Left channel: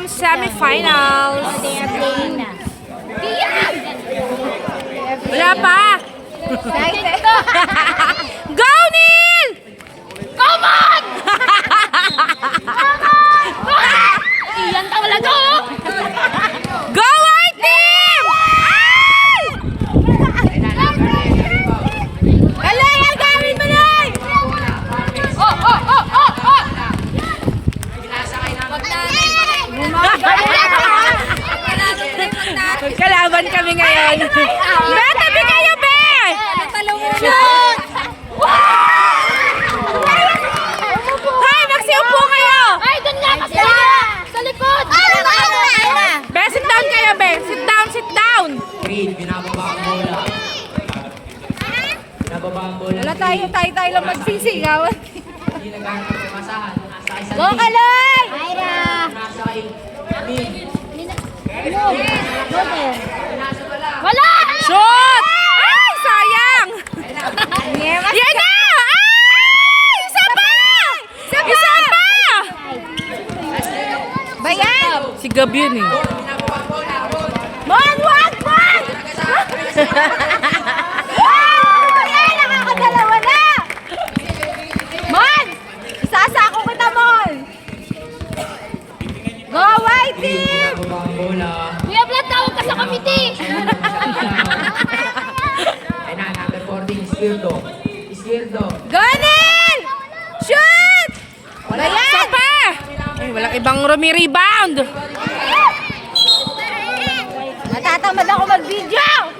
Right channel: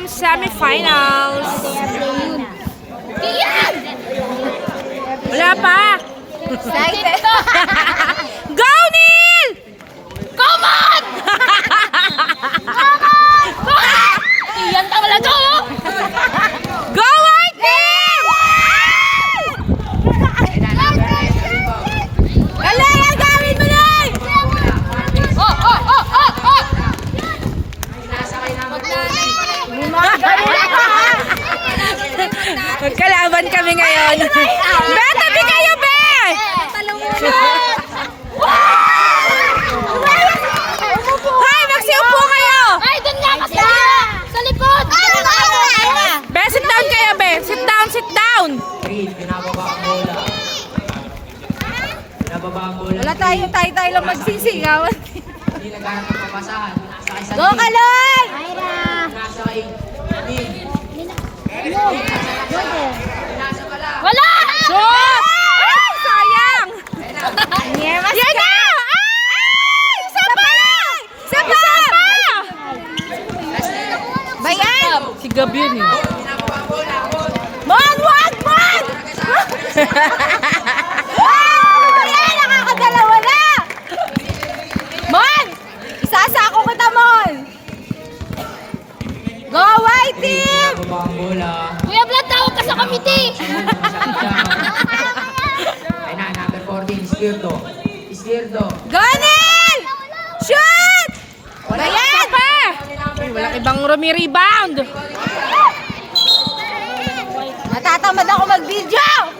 team semifinals. Wala pa. Go, Neil! Come on! Iyan ka wala to! Go, white team! Hala, gawin mo na! Kalaban kami ngayon. Be, tabi kayo, Be! Shoot! Hoy, magsiupo kayo! Ay, dun nga kasi! Sa likod! Be, sit down kayo, Be! Sit down, sit down! Green, binababa ang bola. Binababa ang bola. Wala tayo lang magsisigaw. Hindi nagkaroon ng papasahan. Nasa isang Go, Kaloy! nasa Green. Wala! Shoot! Ay, sayang! Yan na! Ay! Isa pa! Isa pa! Bayan! Si Gab yun eh. Man! Bayan! Nakakadalawa na! Man! Isasako kita, Mon! Go, white Green, team! binababa ang bola. Kuya Vlad, tawag ka sa committee! Ay na, number 14, Izquierdo. Izquierdo. Go, Neil! Shoot! Bayan! Isa pa! Ay, walang ibang rumi-rebound. Natatamad ako mag-video!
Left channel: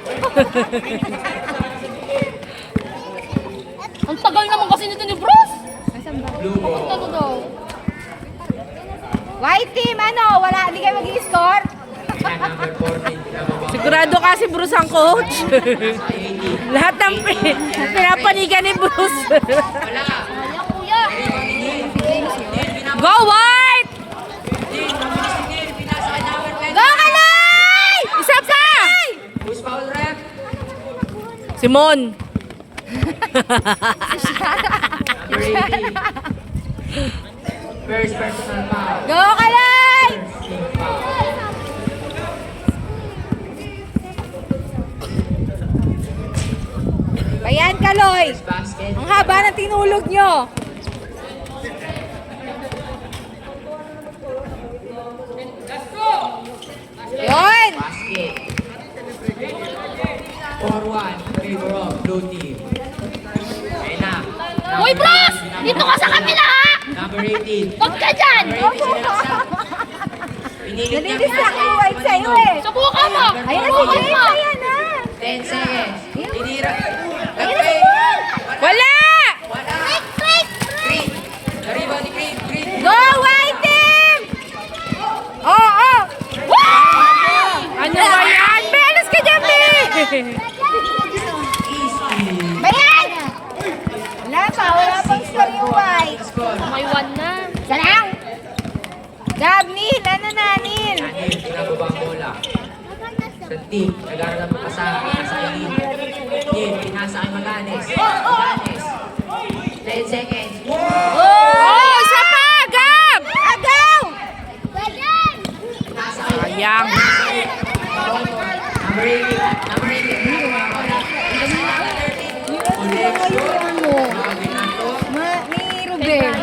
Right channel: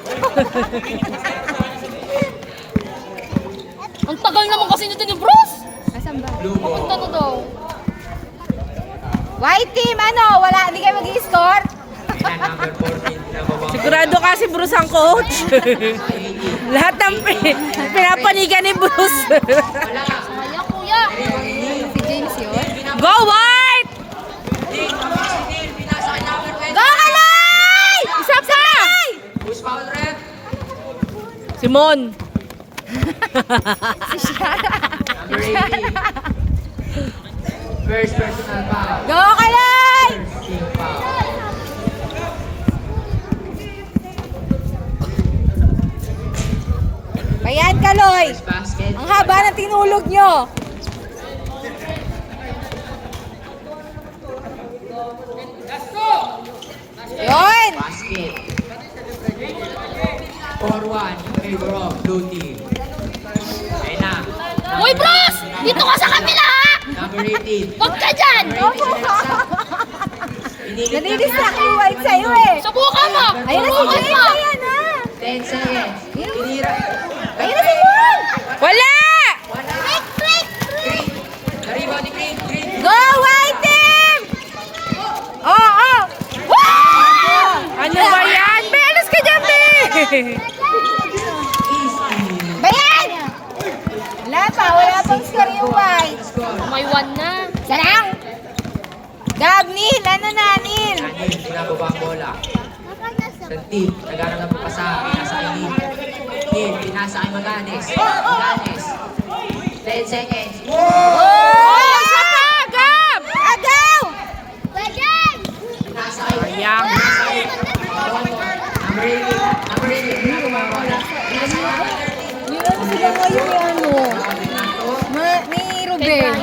Ang tagal naman kasi nito ni Bruce! Blue ball. Ano daw? White team, ano? Wala, hindi kayo mag-i-score? Ay na, number 14, binababa ang Sigurado kasi Bruce ang coach. Lahat ng pinapanigan ni Bruce. Wala, kuya! Go, white! Go, Kaloy! Isa pa! Who's foul rep? Simon. Number 18. First personal foul. Go, Kaloy! Team foul. Bayan, Kaloy! Basket. Ang haba ng tinulog nyo! Yun! Basket. 4-1, favor of blue team. Ayun na. Uy, Bruce! Dito ka sa kabila, ha! Number 18. Huwag ka dyan! Pinilit niya Nanidistract yung white sa'yo eh! Subukan mo! Ayun na si Subukan Jay mo! sa'yo na! 10 seconds. Tinira. Ayun na si Paul! Wala! Break, break! Green. Kariba ni Green. Green. Go, white team! Oo! Ano ba yan? Belos ka dyan, Be! Easy. Bayan! Wala pa, wala pang score yung white. Score. May one na. Sarang! Gab, Neil! Ano na, Neil? Daniel, pinababa ang bola. Sa team, nagkaroon ng papasahan. Pinasa kay Neil. Neil, pinasa kay Maganes. Maganes. 10 seconds. Oh, isa pa! Gab! Agaw! Ganyan! Pinasa kay Sayang. One more. Number 18. Number 18. Ni Ruben.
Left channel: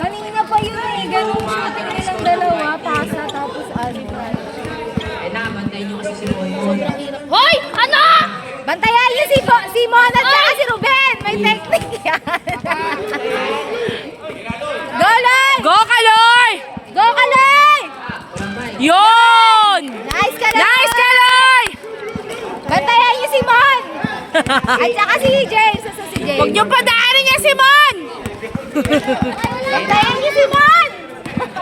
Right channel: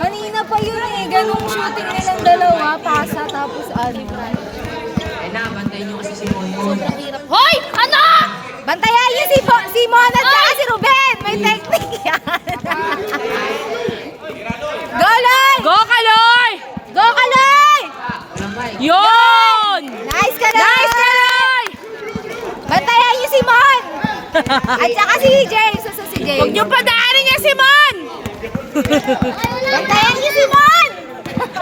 Kanina pa yun eh. Ganong shooting nilang dalawa. Pasa tapos ano. Ayun na, bantayin niyo kasi si Monmon. Sobrang hirap. Hoy! Ano? Bantayan niyo si Mona at saka si Ruben. May technique yan. Go, Loy! Go, Kaloy! Go, Kaloy! Walang bike. Yun! Nice, Kaloy! Nice, Kaloy! Bantayan niyo si Mon! At saka si Jay. Suso si Jay. Huwag niyo padaanin niya, Simon! Bantayan niyo si Mon!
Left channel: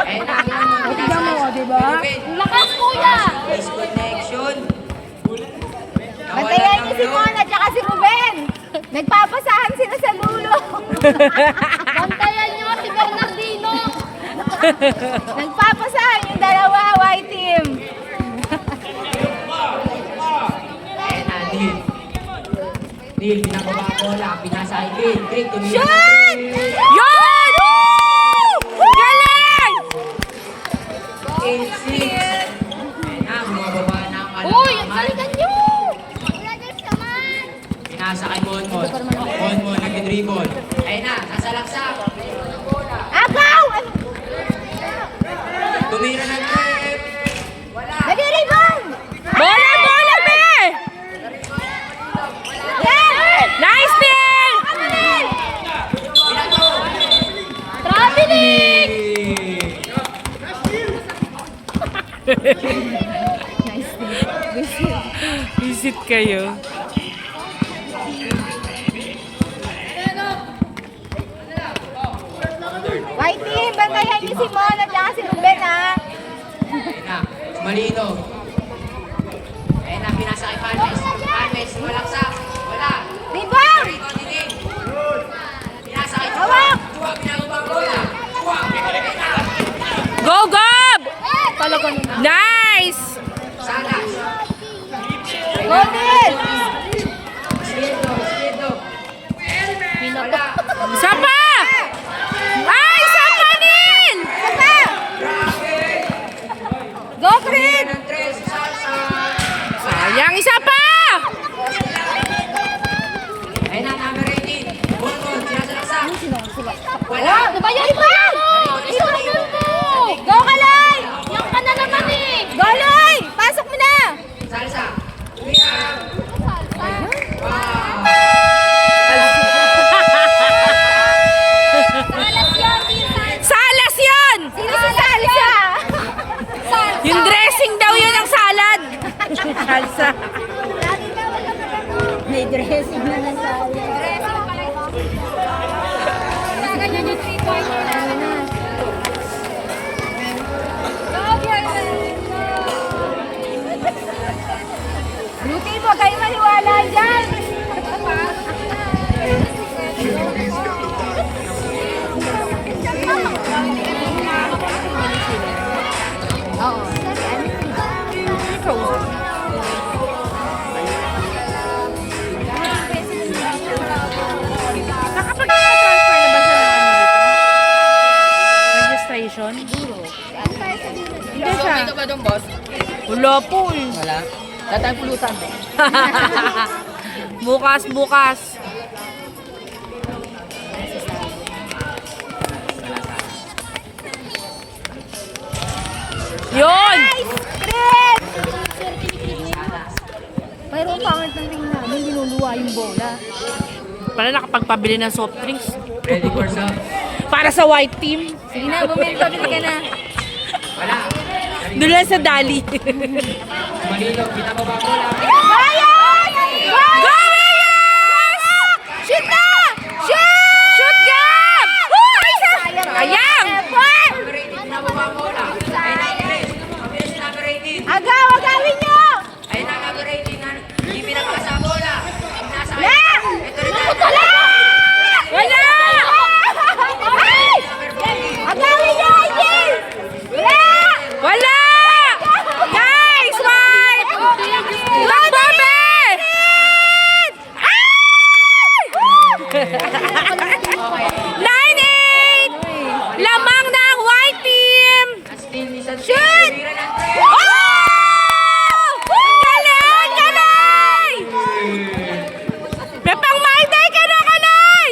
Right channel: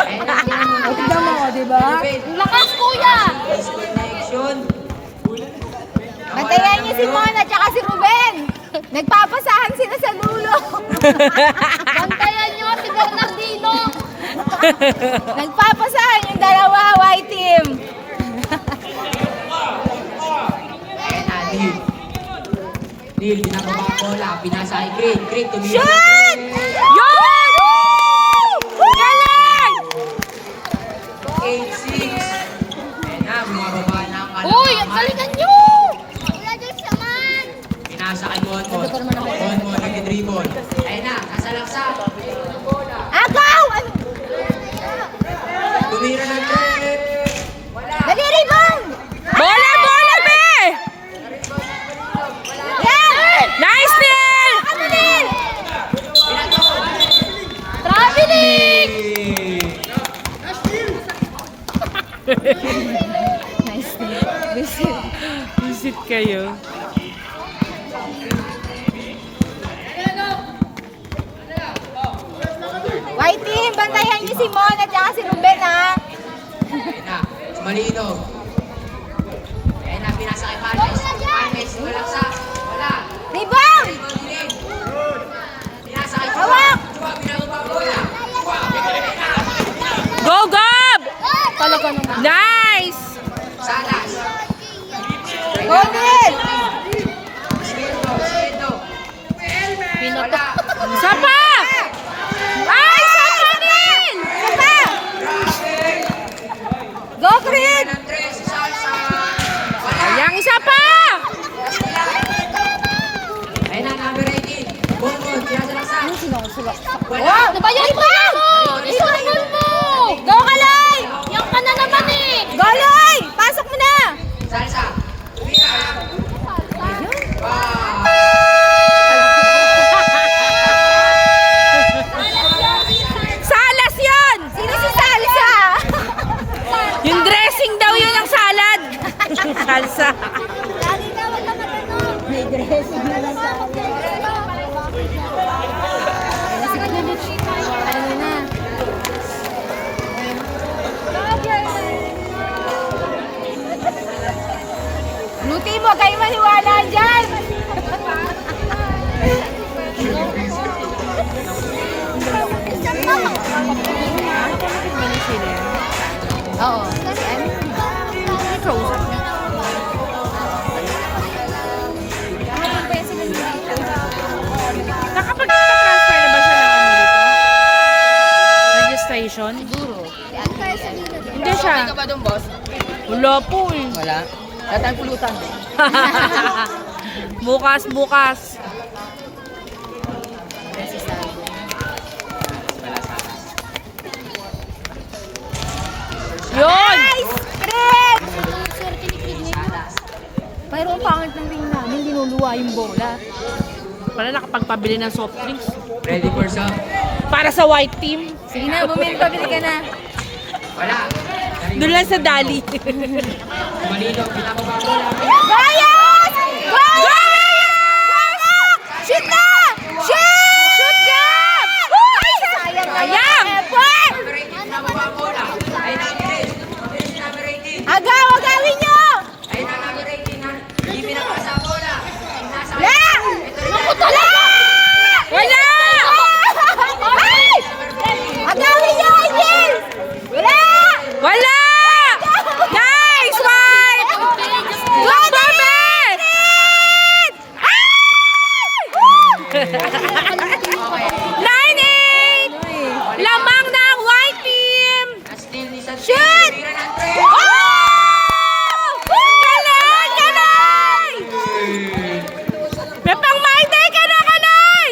Ayun na, tingnan mo. Tignan mo, diba? Ruben. Lakas, kuya! Disconnection. Bantayan niyo si Mon at saka si Ruben. Nagpapasahan sila sa lulo. Bantayan niyo si Bernardino! Nagpapasahan yung dalawa, white team. Ayun na, Neil. Neil, binababa ang bola. Pinasa kay Green. Green, tumira. Shoot! Yun! Woo! Galing! 8 pinasa kay Monmon. Monmon, nag-dribble. Ayun na, nasa laksa. Agaw! Ano? Tumira ng trip. Dali, rebound! Bola, bola, be! Yan! Nice, Neil! Ano din? Traveling! Nice din. Visit kayo. White team, bantayan niyo si Mon at saka si Ruben, ha? Ayun na, Malino. Ayun na, pinasa kay Palmes. Palmes, malaksa. Wala. Rebound! Dinig. Pinasa kay Chua. Hawak! Chua, pinakabang bola. Go, Gab! Talaga naman. Nice! Salas. Go, Neil! Skirdo, Skirdo. Pinatok. Isa pa! Ay, isa pa din! Saka! Go, Fred! Ng tres, Salsa. Sayang, isa pa! Ayun na, number 18. Monmon, sinasalaksa. Wala. Diba yan? Diba yan? Isunod mo! Go, Kalay! Yan ka na naman eh! Go, Loy! Pasok mo na! Salsa. Tumira. Salas yun! Sino si Salsa? Yung dressing daw yun ang salad. Salsa. May dressing na lang sa Beauty mo, kayo maniwala dyan! Nakapag-transfer na ba siya ng ano dito? Registration? Hindi siya. Ka ba doon, boss? Wala po eh. Wala. Wala tayong pulutan. Bukas, bukas. Yun! Fred! Pero ang pangit ng ring namin, linuluwa yung bola. Para nakapagpabili ng soft drinks. Ready for some? Para sa white team. Sige na, bumili ka na. Wala. Doon lang sa Dali. Malino, pinakabang bola. Ryan! Go, Ryan! Shoot na! Shoot! Shoot, Gab! Ay, sayang naman. Sayang! Effort! Number 18, pinakabang bola. Ayun na, bilis. Bilis, number 18. Agaw, agawin niyo! Ayun na, number 18 na. Hindi pinakabasa ang bola. Pinasa kay- La! Ito rin na. Wala! Wala! Ay! Agawin niyo, Angel! Wala! Wala! Nice! Smart! Go, Bebe! Ay! 9-8! Lamang ng white team! Still, isang Shoot! tumira ng tres. Oh! Kalay! Kalay! May pang Mayday ka na, Kalay!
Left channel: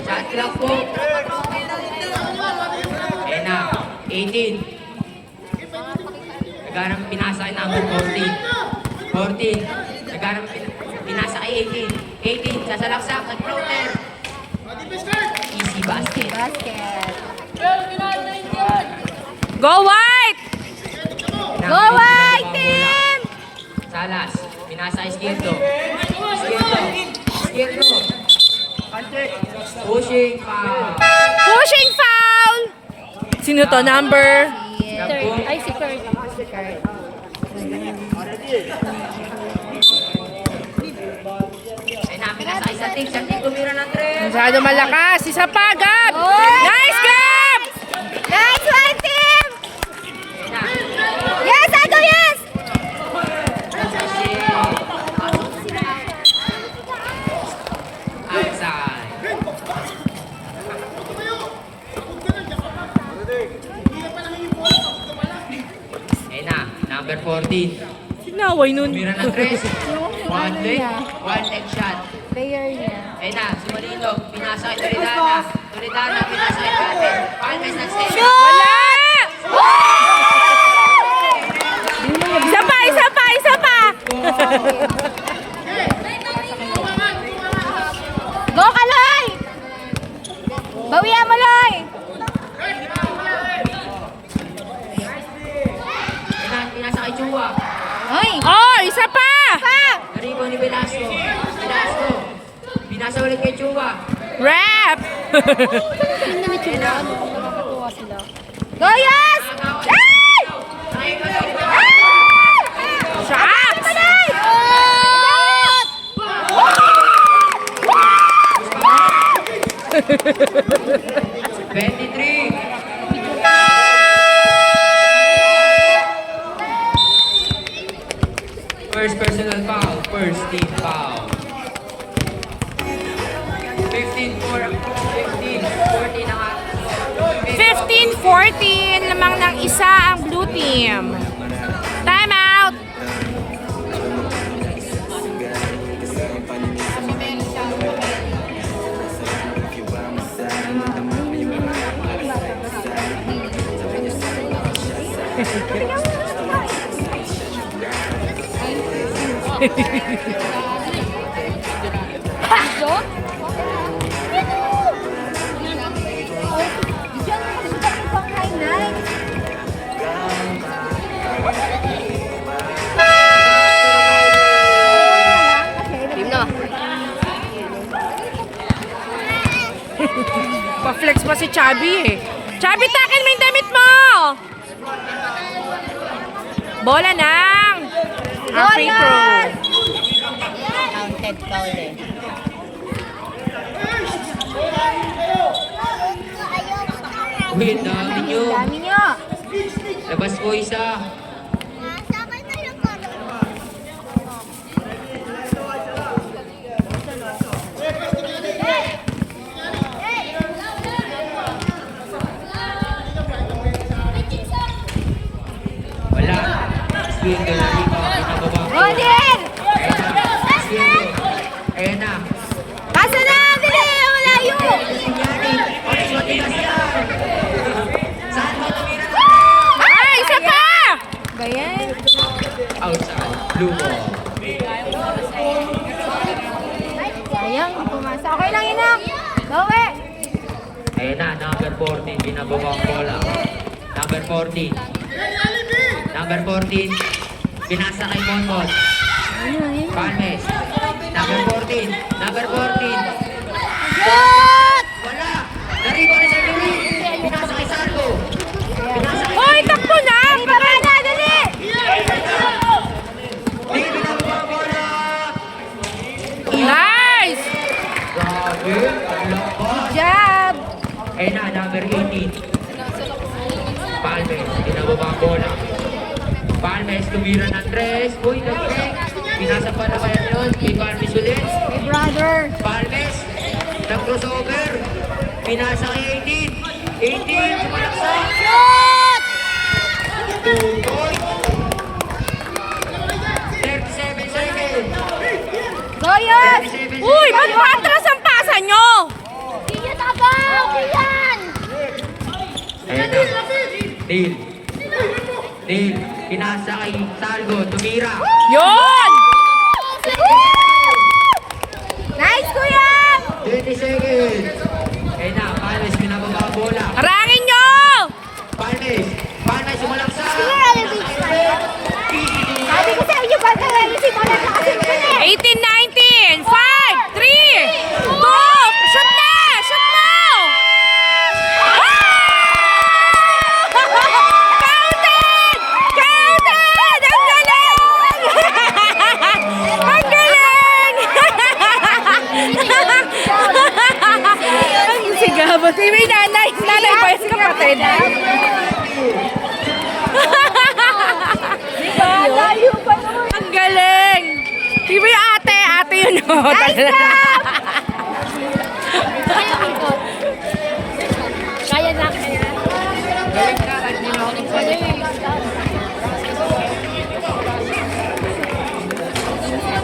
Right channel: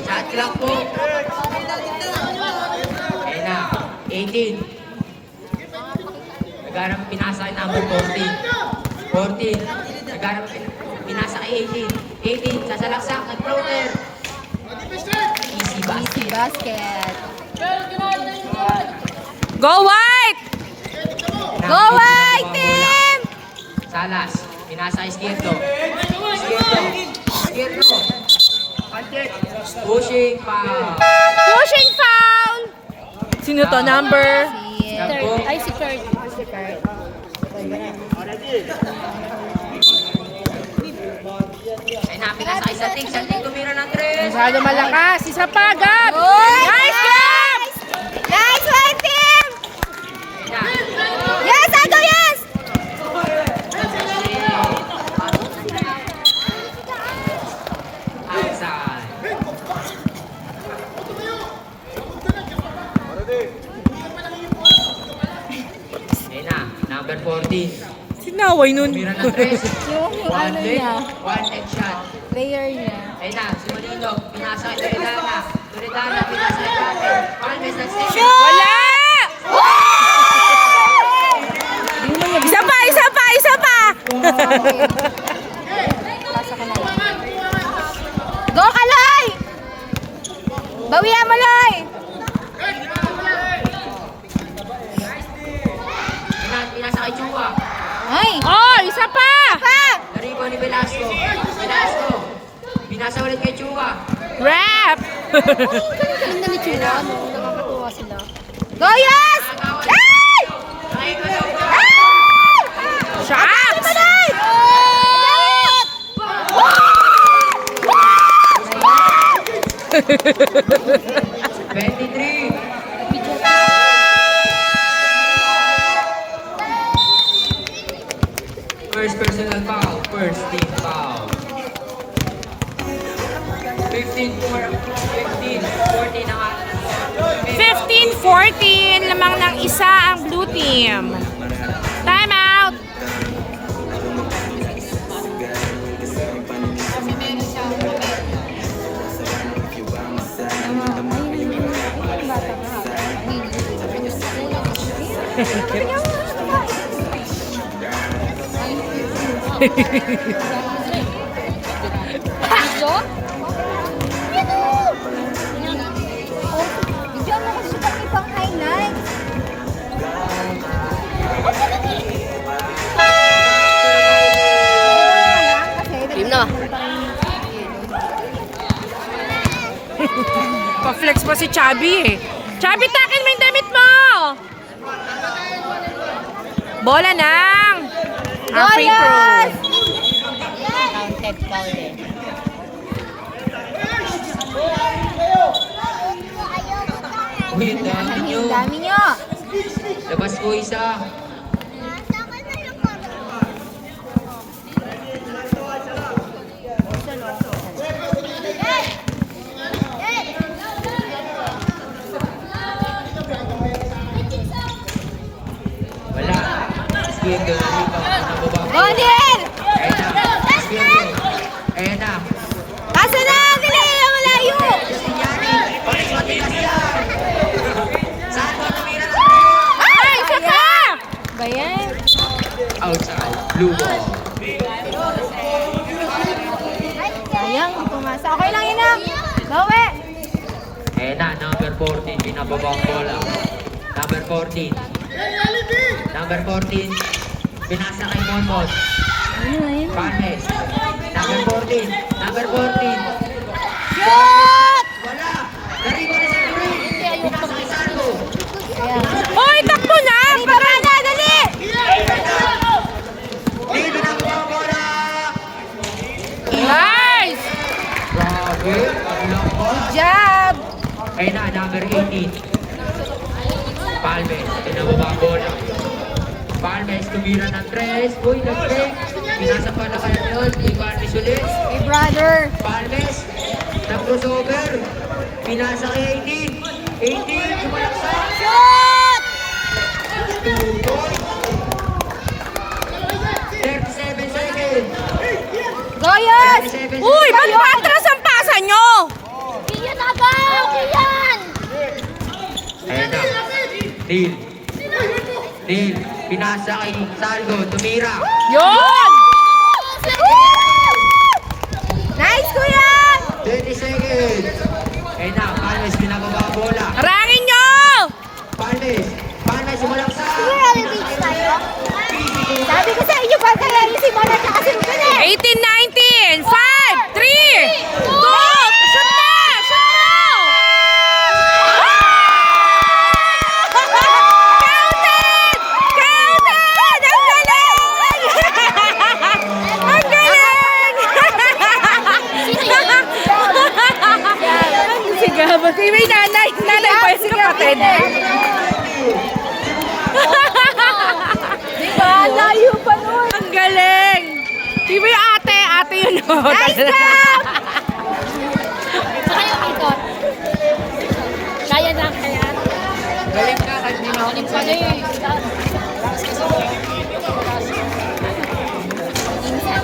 Shot clock po. Ayun na, 18. Nagharap pinasa kay number 14. 14. Nagharap pinasa kay 18. 18, sasalaksak, nag-floater. Easy basket. Basket. Go white! Go, White Team! Salas, pinasa kay Skirdo. Skirdo. Pushing pa. Pushing foul! Sino to? Number? Gabo. Ay, si Kurt. Ay na, pinasa kay Sating. Sating tumira ng tres. Masyado malakas. Isa pa, Gab! Oh! Nice, Gab! Nice, White Team! Yes, Ago, yes! Outside. Ayun na, number 14. Sinaway nun. Tumira ng tres. One leg shot. Player niya. Ayun na, si Molino, pinasa kay Toledana. Toledana, pinasa kay Carmen. Palmes na stay. Wala! Isa pa, isa pa, isa pa! Go ka, Loy! Bawian mo, Loy! Ayun na, pinasa kay Chua. Ay! Oh, isa pa! Narigo ni Velasco. Velasco, pinasa ulit kay Chua. Rap! Hindi ni Chula, ano? Nakakatuwa sila. Go, Yas! Ay! Shots! Shoot! 23. First personal foul. First team foul. 15-14 ang 15-14 lamang ng isa ang blue team. Time out! Go? Diyan ako sukat ni Pang 99. Team na. Pa-flex pa si Chubby eh. Chubby, takin mo yung damit mo! Bola nang! Ang free throw. Counted foul eh. Wait, dami nyo. Dami niya. Labas ko isa. Wala. Skinder, pinababa. Golden! Skinder. Ayun na. Kasa na! Dali! Malayo! Ay, isa pa! Bayan. Outside. Blue ball. Sayang, di pumasa. Okay lang, Inang. Bawi! Ayun na, number 14. Pinababa ang bola. Number 14. Number 14. Pinasa kay Memot. Panes. Number 14. Number 14. Shoot! Wala! Nariba na sa Turi! Pinasa kay Sardo! Hoy, takbo na! Baba na, dali! Hindi na bola! Nice! Grabe! Ang lamba! Job! Ayun na, number 18. Palmes. Pinababa ang bola. Palmes, tumira ng tres. Uy, nag-break. Pinasa pa naman yun. Kay Palmes ulit. My brother! Palmes, nag-crossover. Pinasa kay 18. 18, sumaksak. Shoot! 2 points. 37 seconds. Goyas! 37 Uy, seconds. ba't maatras ang pasa nyo? Kiyan na ba? Kiyan! Ayun na. Neil. Neil, pinasa kay Salvo. Tumira. Yun! Nice, Kuya! 20 seconds. Ayun na, Palmes, pinababa ang bola. Harangin nyo! Palmes, Palmes, sumalaksak. Sabi ko sa inyo, ba kaya yung si Mona nakasimple eh? 18-19! 5, 3, 2, shoot na! Shoot na! Counted! Counted! Ang galing! Ang galing! Ang sigabot. May nanay. Nanay pa yung kapatid. Layo pa nun. Ang galing! May ate. Ate yun. Oh. Nice job! Kaya na, kaya. Galing na, kahit hindi na ako nagsalita.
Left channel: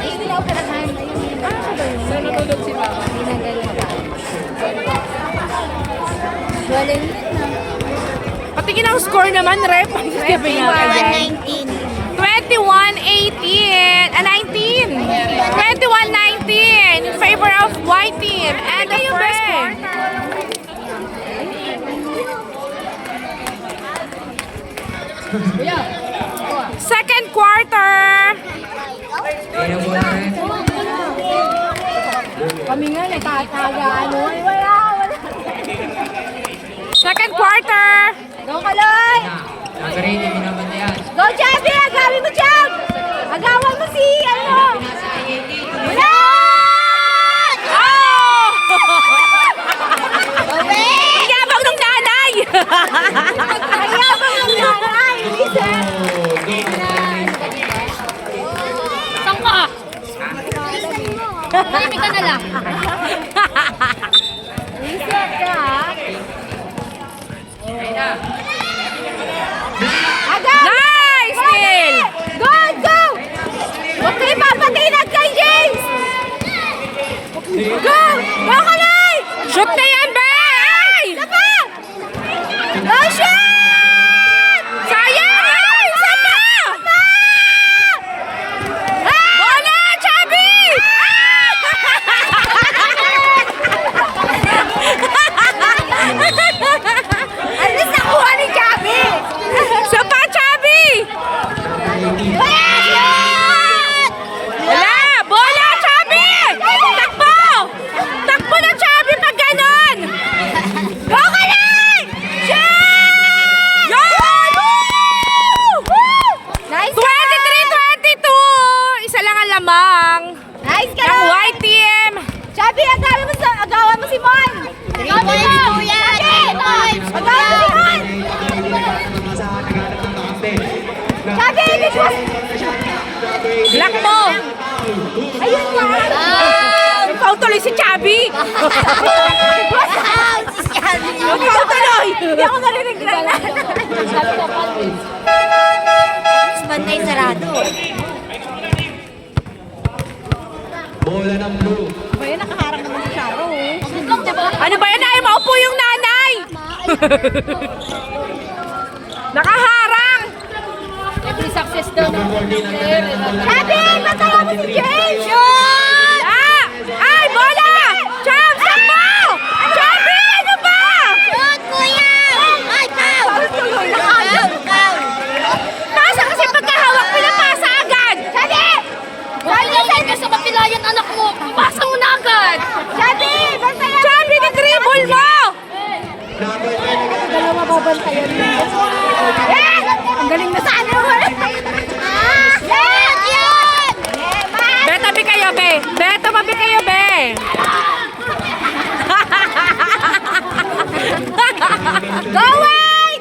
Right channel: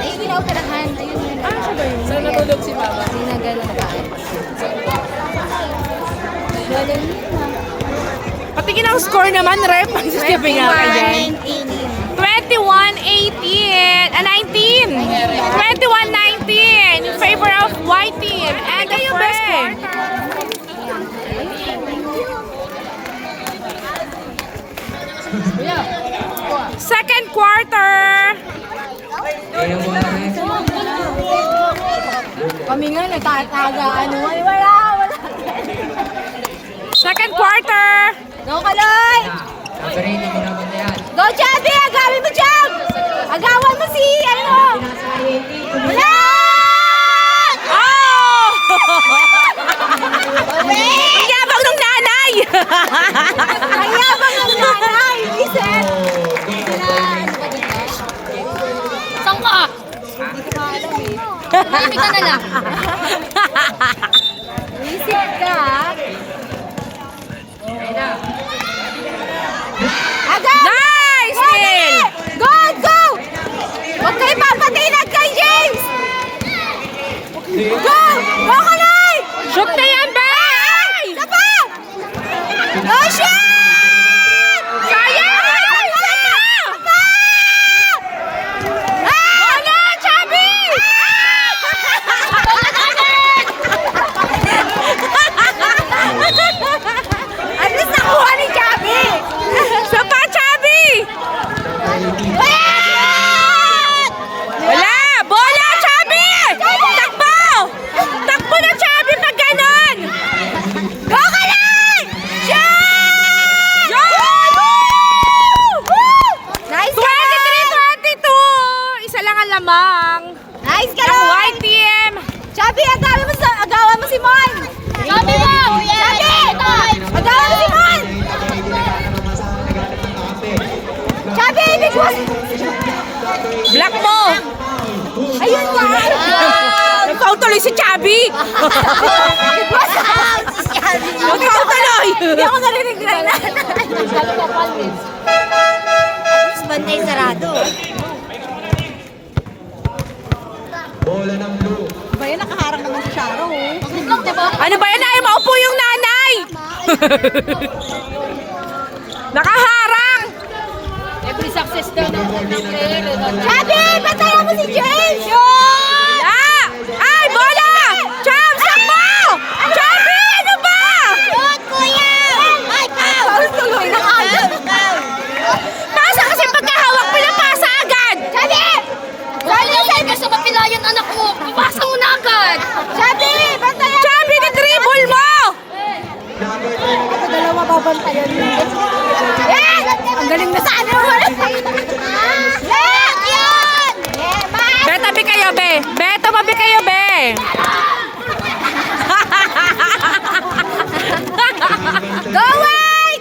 Hindi na ako ang score naman, Rep? Sabi nga ka dyan. 21-18, 19. 21-19 in favor of white team. And the first quarter. Second quarter. Ayan bola rin. Kami nga, nagtataga, ano. Wala. Second quarter. Go, Kaloy! Number 8, hindi naman na yan. Go, Chubby! Agawin mo, Chub! Agawan mo si, ano? Pinasa ay 18. Yabang ng nanay! Ayabang ang nanay! Listen! Saan ka? Malamig ka na lang. Listen ka, ha? Nice, Phil! Go, go! Huwag kayo papatinag kay James! Go! Go, Kaloy! Shoot na yan, Bay! Isa pa! Go, shoot! Sayang! Isa pa! Bola, Chubby! At least nakuha ni Chubby! Isa pa, Chubby! Wala! Bola, Chubby! Takbo! Takbo na, Chubby, pag ganon! Go, Kaloy! Shoot! Yun! Nice, Kaloy! 23-22! Isa lang ang lamang. Nice, Ang Kaloy! white team. Chubby, agawan mo si Mon! Agawan mo si Mon! Chubby, Black mo! ayun nga! Ikaw tuloy si Chubby! Wow! Si Chubby! Ikaw tuloy! Hindi ako narinig na. Mas bantay sarado. Bola ng blue. Kaya nakaharap naman si Charo. Ano ba yan? Ay, maupo yung nanay! Nakaharang! Every success daw ng player. Chubby! Patayin mo si James! Wala! Ay, bola! Chub, sakbo! Chubby, ano ba? Shoot, kuya! Ay, foul! Foul! Foul! Pasa kasi pagkahawak mo na pasa agad! Chubby! Huwag ka sa mapilayan anak mo. Pumasa mo na agad. Chubby! Patayin! Chubby, ni-dribble mo! Dalawa babantayan mo. Yes! Ang galing na sana mo. Yes! Yun! Be, tabi kayo, be! Be, tumabi kayo, be! Go, wait!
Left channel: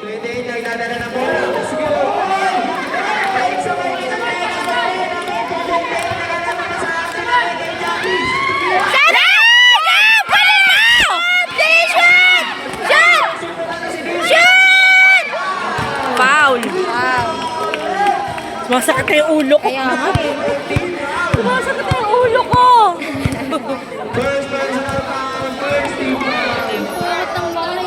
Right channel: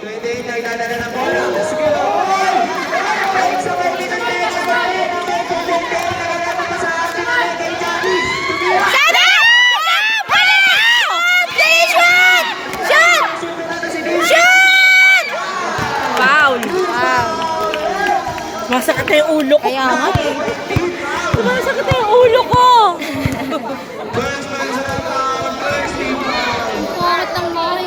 Chubby! Shoot! Shoot! Shoot! Foul! Foul! Masakit na yung ulo ko. Kaya nga eh. Masakit na yung ulo ko. Bakit ang bahay?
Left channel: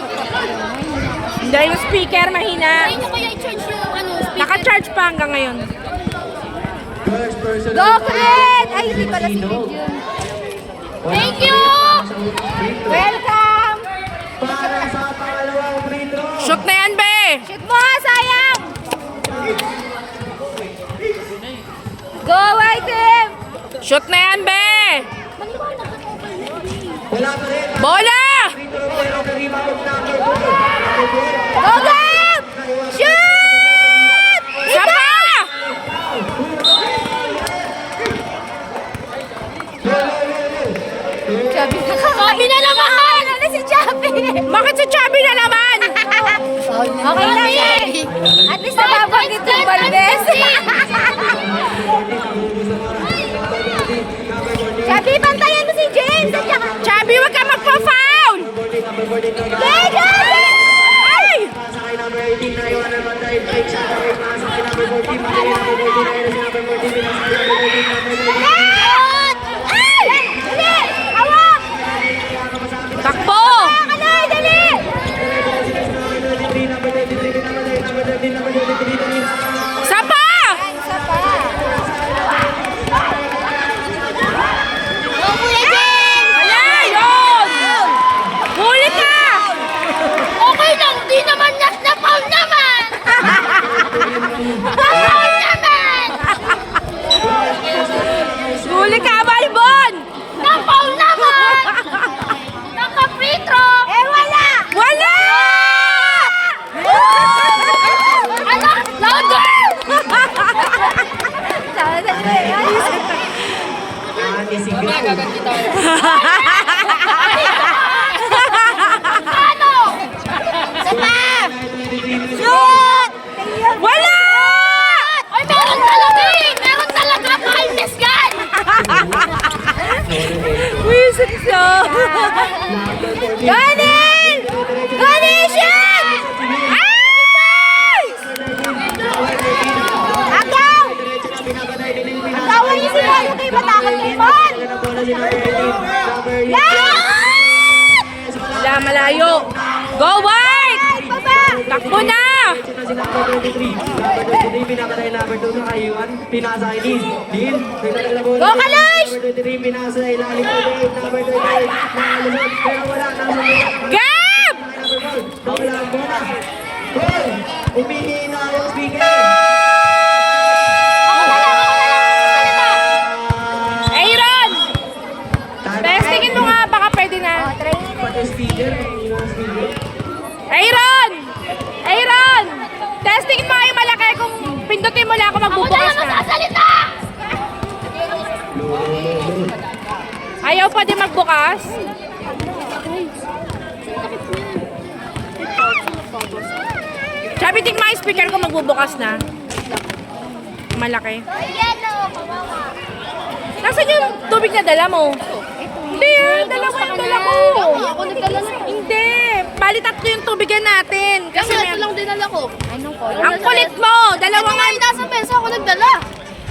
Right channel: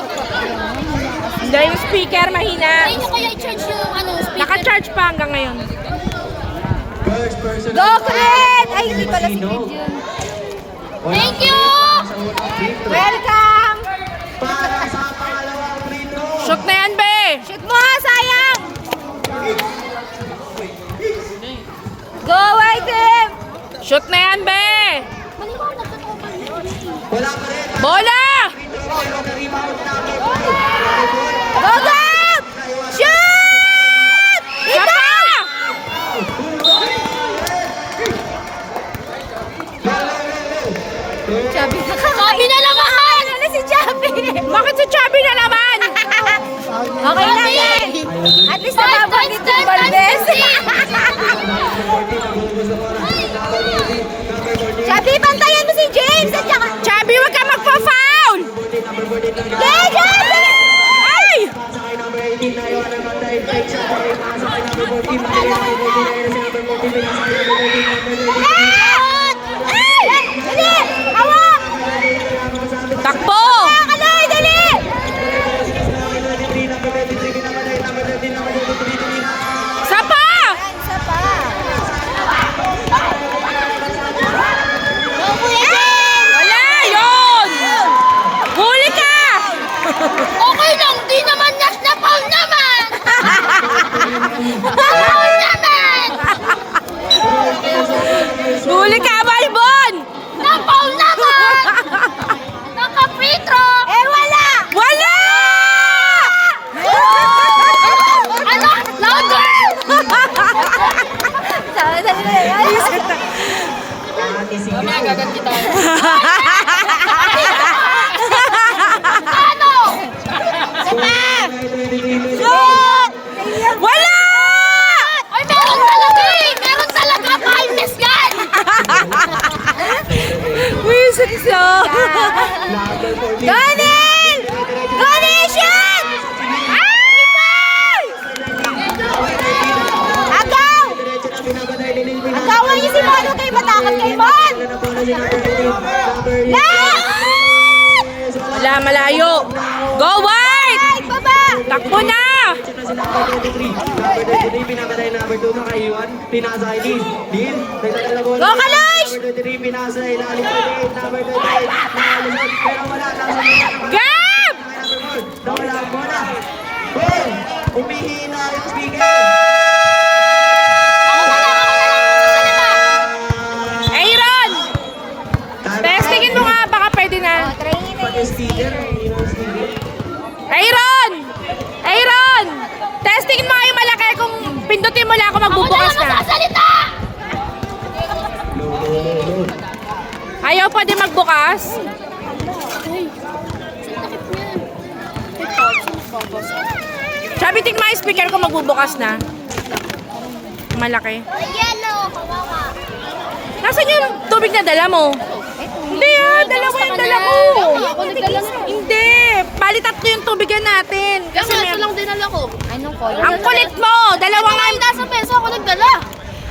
Dahil yung speaker mahina. Ay, nyo kaya i-charge yung speaker? Naka-charge pa hanggang ngayon. Go, Fred! Ay, hindi pala si Thank you! Welcome! Shoot na yan, be! Shoot mo, sayang! Go, white team! Shoot na yan, be! Bola! Go, Gab! Shoot! Isa pa! Chubby na Sabi na lang ako! Ano na si Chubby? Bakit si Chubby na naman? Okay lang yan. At least nababanggit yung Valdez. Chubby, bantayan mo si James. At saka... Chubby, wag ka magpa-foul! Ay! Ay! Dali! Awak! Takbo! Dali! Sapa! Isa pa. Go, Kuya James! Wala, yun! Huli ka! Okay lang, di naman na foul naman! Foul naman! Huli ka, Balbon! Na foul naman! Naka-free throw! Eh, wala! Wala! Ano? Louder! Sabi sa iyo. Mamaya gaganti tayo. Ano? Isa pa! Shoot! Wala! Ay, meron talaga eh! Meron talaga! Pahalmes yan! Wisip siya! Donel! Donel, shoot! Agaw! Agaw, ano yung sinuano tayo matakas kay Von? Lahat! Wala, malayo! Go, White! Baba! Takbo na! Go, Kalosh! Gab! Aaron! Testingin mo nga, baka pwede na. Aaron! Aaron! Testingin mo nga yung malaki kung pindutin mo lang ako magbubukas na. Salita! Ayaw pa din magbukas? Sabi tingnan mo yung speaker ko magbubukas na. Malaki. Yellow! Nasaan yung tubig na dala mo? Hindi dalawa yung dala ko. Ako nagdala na. Hindi, bali tatlo yung tubigan natin. Kasi Kasi ito lang dinala ko. ang kulit mo, dalawa nga. Nasa mesa ako nagdala.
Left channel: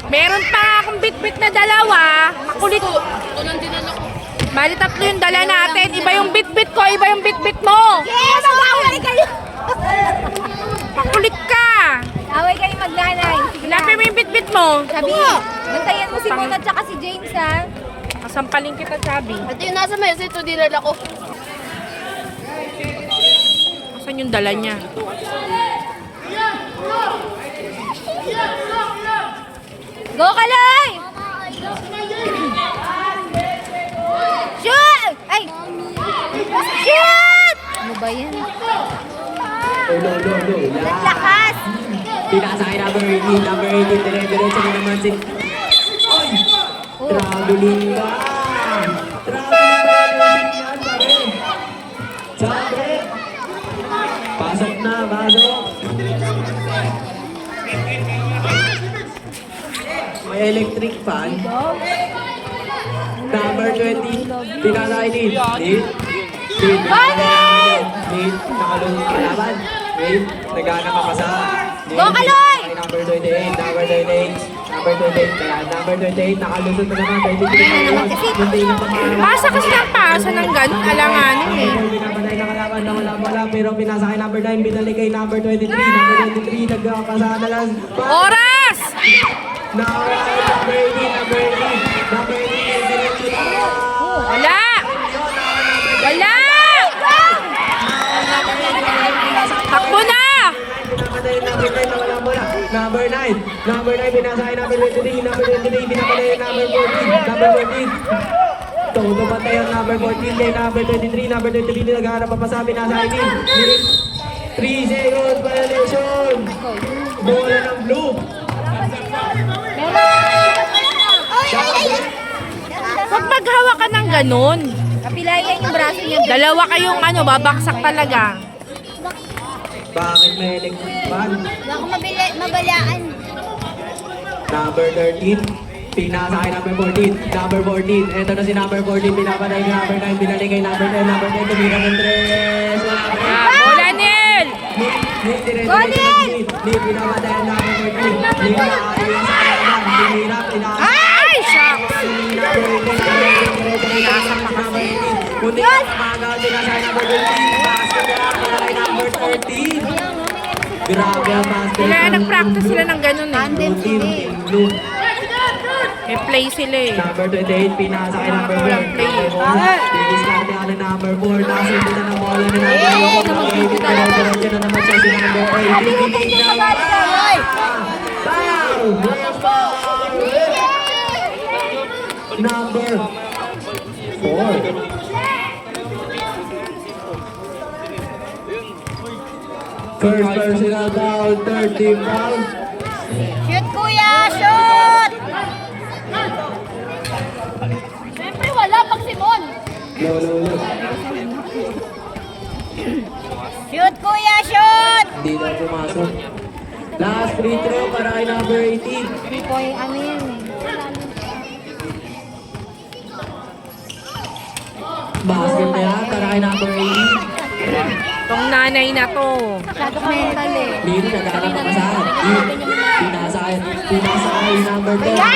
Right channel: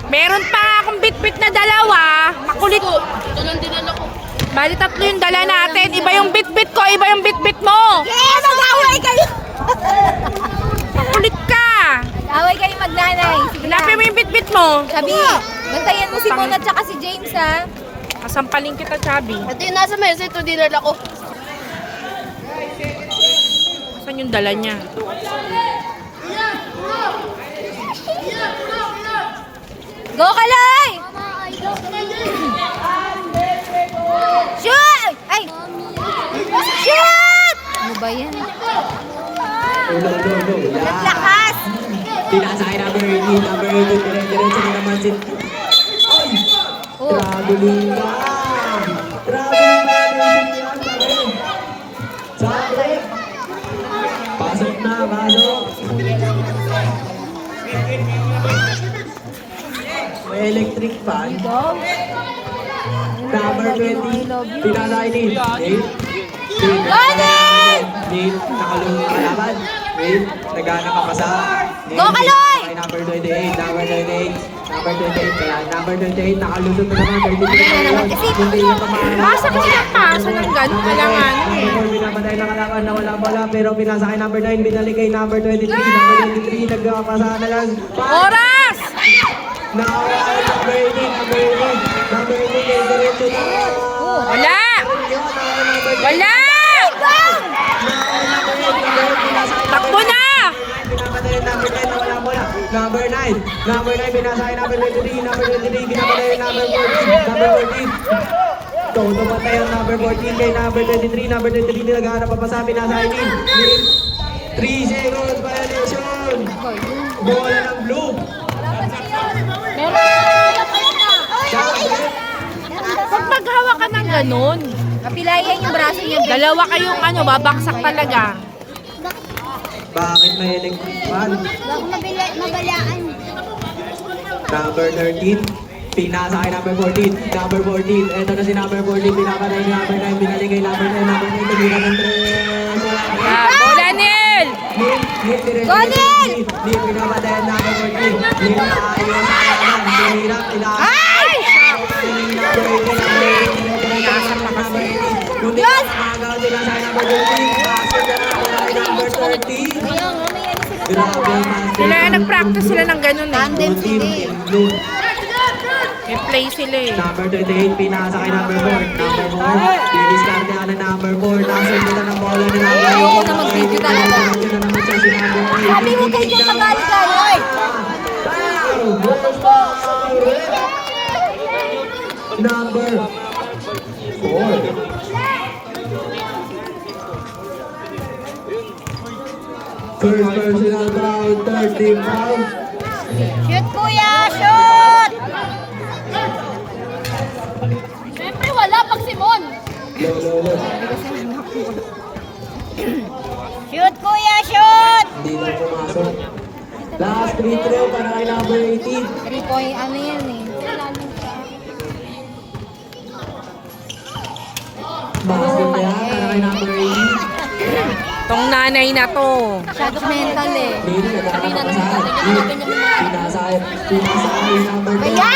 Meron pa akong bit-bit na dalawa. Makulit. Ito lang dinala ko. Bali tatlo yung dala natin. Iba yung bit-bit ko, iba yung bit-bit mo. Yes! Away kayo! Makulit ka. Away kayo magnanay. Sige na. Ilapin mo yung bit-bit mo. Sabi, bantayan mo si Mona at saka si James, ha? Kasampalin kita, Chabi. Ito yung nasa mesa, ito dinala ko. Saan yung dala niya? Go, Kaloy! Shoot! Ay! Shoot! Ano ba yan? Lakas! Pinasakay number 18, number 18, diretso na naman si... Ay! Traveling ka! Traveling ka! Sabi! Pasok na, pasok! May electric fan. Number 20, pinasakay ni Nate. Nate, nakalunod ang kalaban. Nate, nagana ka pa sa... Go, Kaloy! Number 28, number 28, number 28, kaya number 28, nakalusot na naman, 23. Wala naman kasi. Hindi na naman. Basa kasi ang pasa ng gano'n, alanganin eh. Pinapatay na kalaban na wala, pero pinasa kay number 9, binalik kay number 23, number 23, nagkakapasa na lang. Oras! Number 18, number 18, number 18, diretso na. Wala! Wala! Takbo na! Pinapatay number 10, wala mo na. Number 9, number 9, binasa kay number 23, number 23, pinapatay number 14, number 14. Todo ba tayo number 14 kay number 23, number 23, naghahanap pa pa sa binasa kay 3-0 violation. Bola ng blue. Pag maghawak ka ng ganun, Kapilay lang yung braso niya. dalawa kayong ano, babaksak talaga. Bakit may electric fan? Ako mabalaan. Number 13, pinasa kay number 14, number 14, eto na si number 14, pinapatay ni number 9, binalik kay number 9, number 9, tumira ng 3, wala na. Bola nil! Nate, diretso Nate, pinapatay ni number 13, Nate, nakakaliwa sa kalaban, tumira, pinapatay. Ay! Pinasa pa kasi. Kundi ang mga gawin na sa number 13, pasok na number 13. Sila nag-practice sila ng ganun eh. Blue. May play sila eh. Number 28, pinasa kay number 4. Number 4, didiskarte ang number 4. Nakasundutan ng bola ni number 4. Number 8, diretso na naman siya si number 8. Bibigay na. Number 4. First personal foul, 30 foul. Shoot, kuya! Shoot! Siyempre wala pag Simon. No. Shoot, kuya! Shoot! Hindi na pumasok. Last free throw para kay number 18. Hindi ko ano yan eh. Basket na yan para kay number 18. Tong nanay na to. Masyadong mental eh. Lino nagkakaroon pa sa pinasa kay number 2. Wala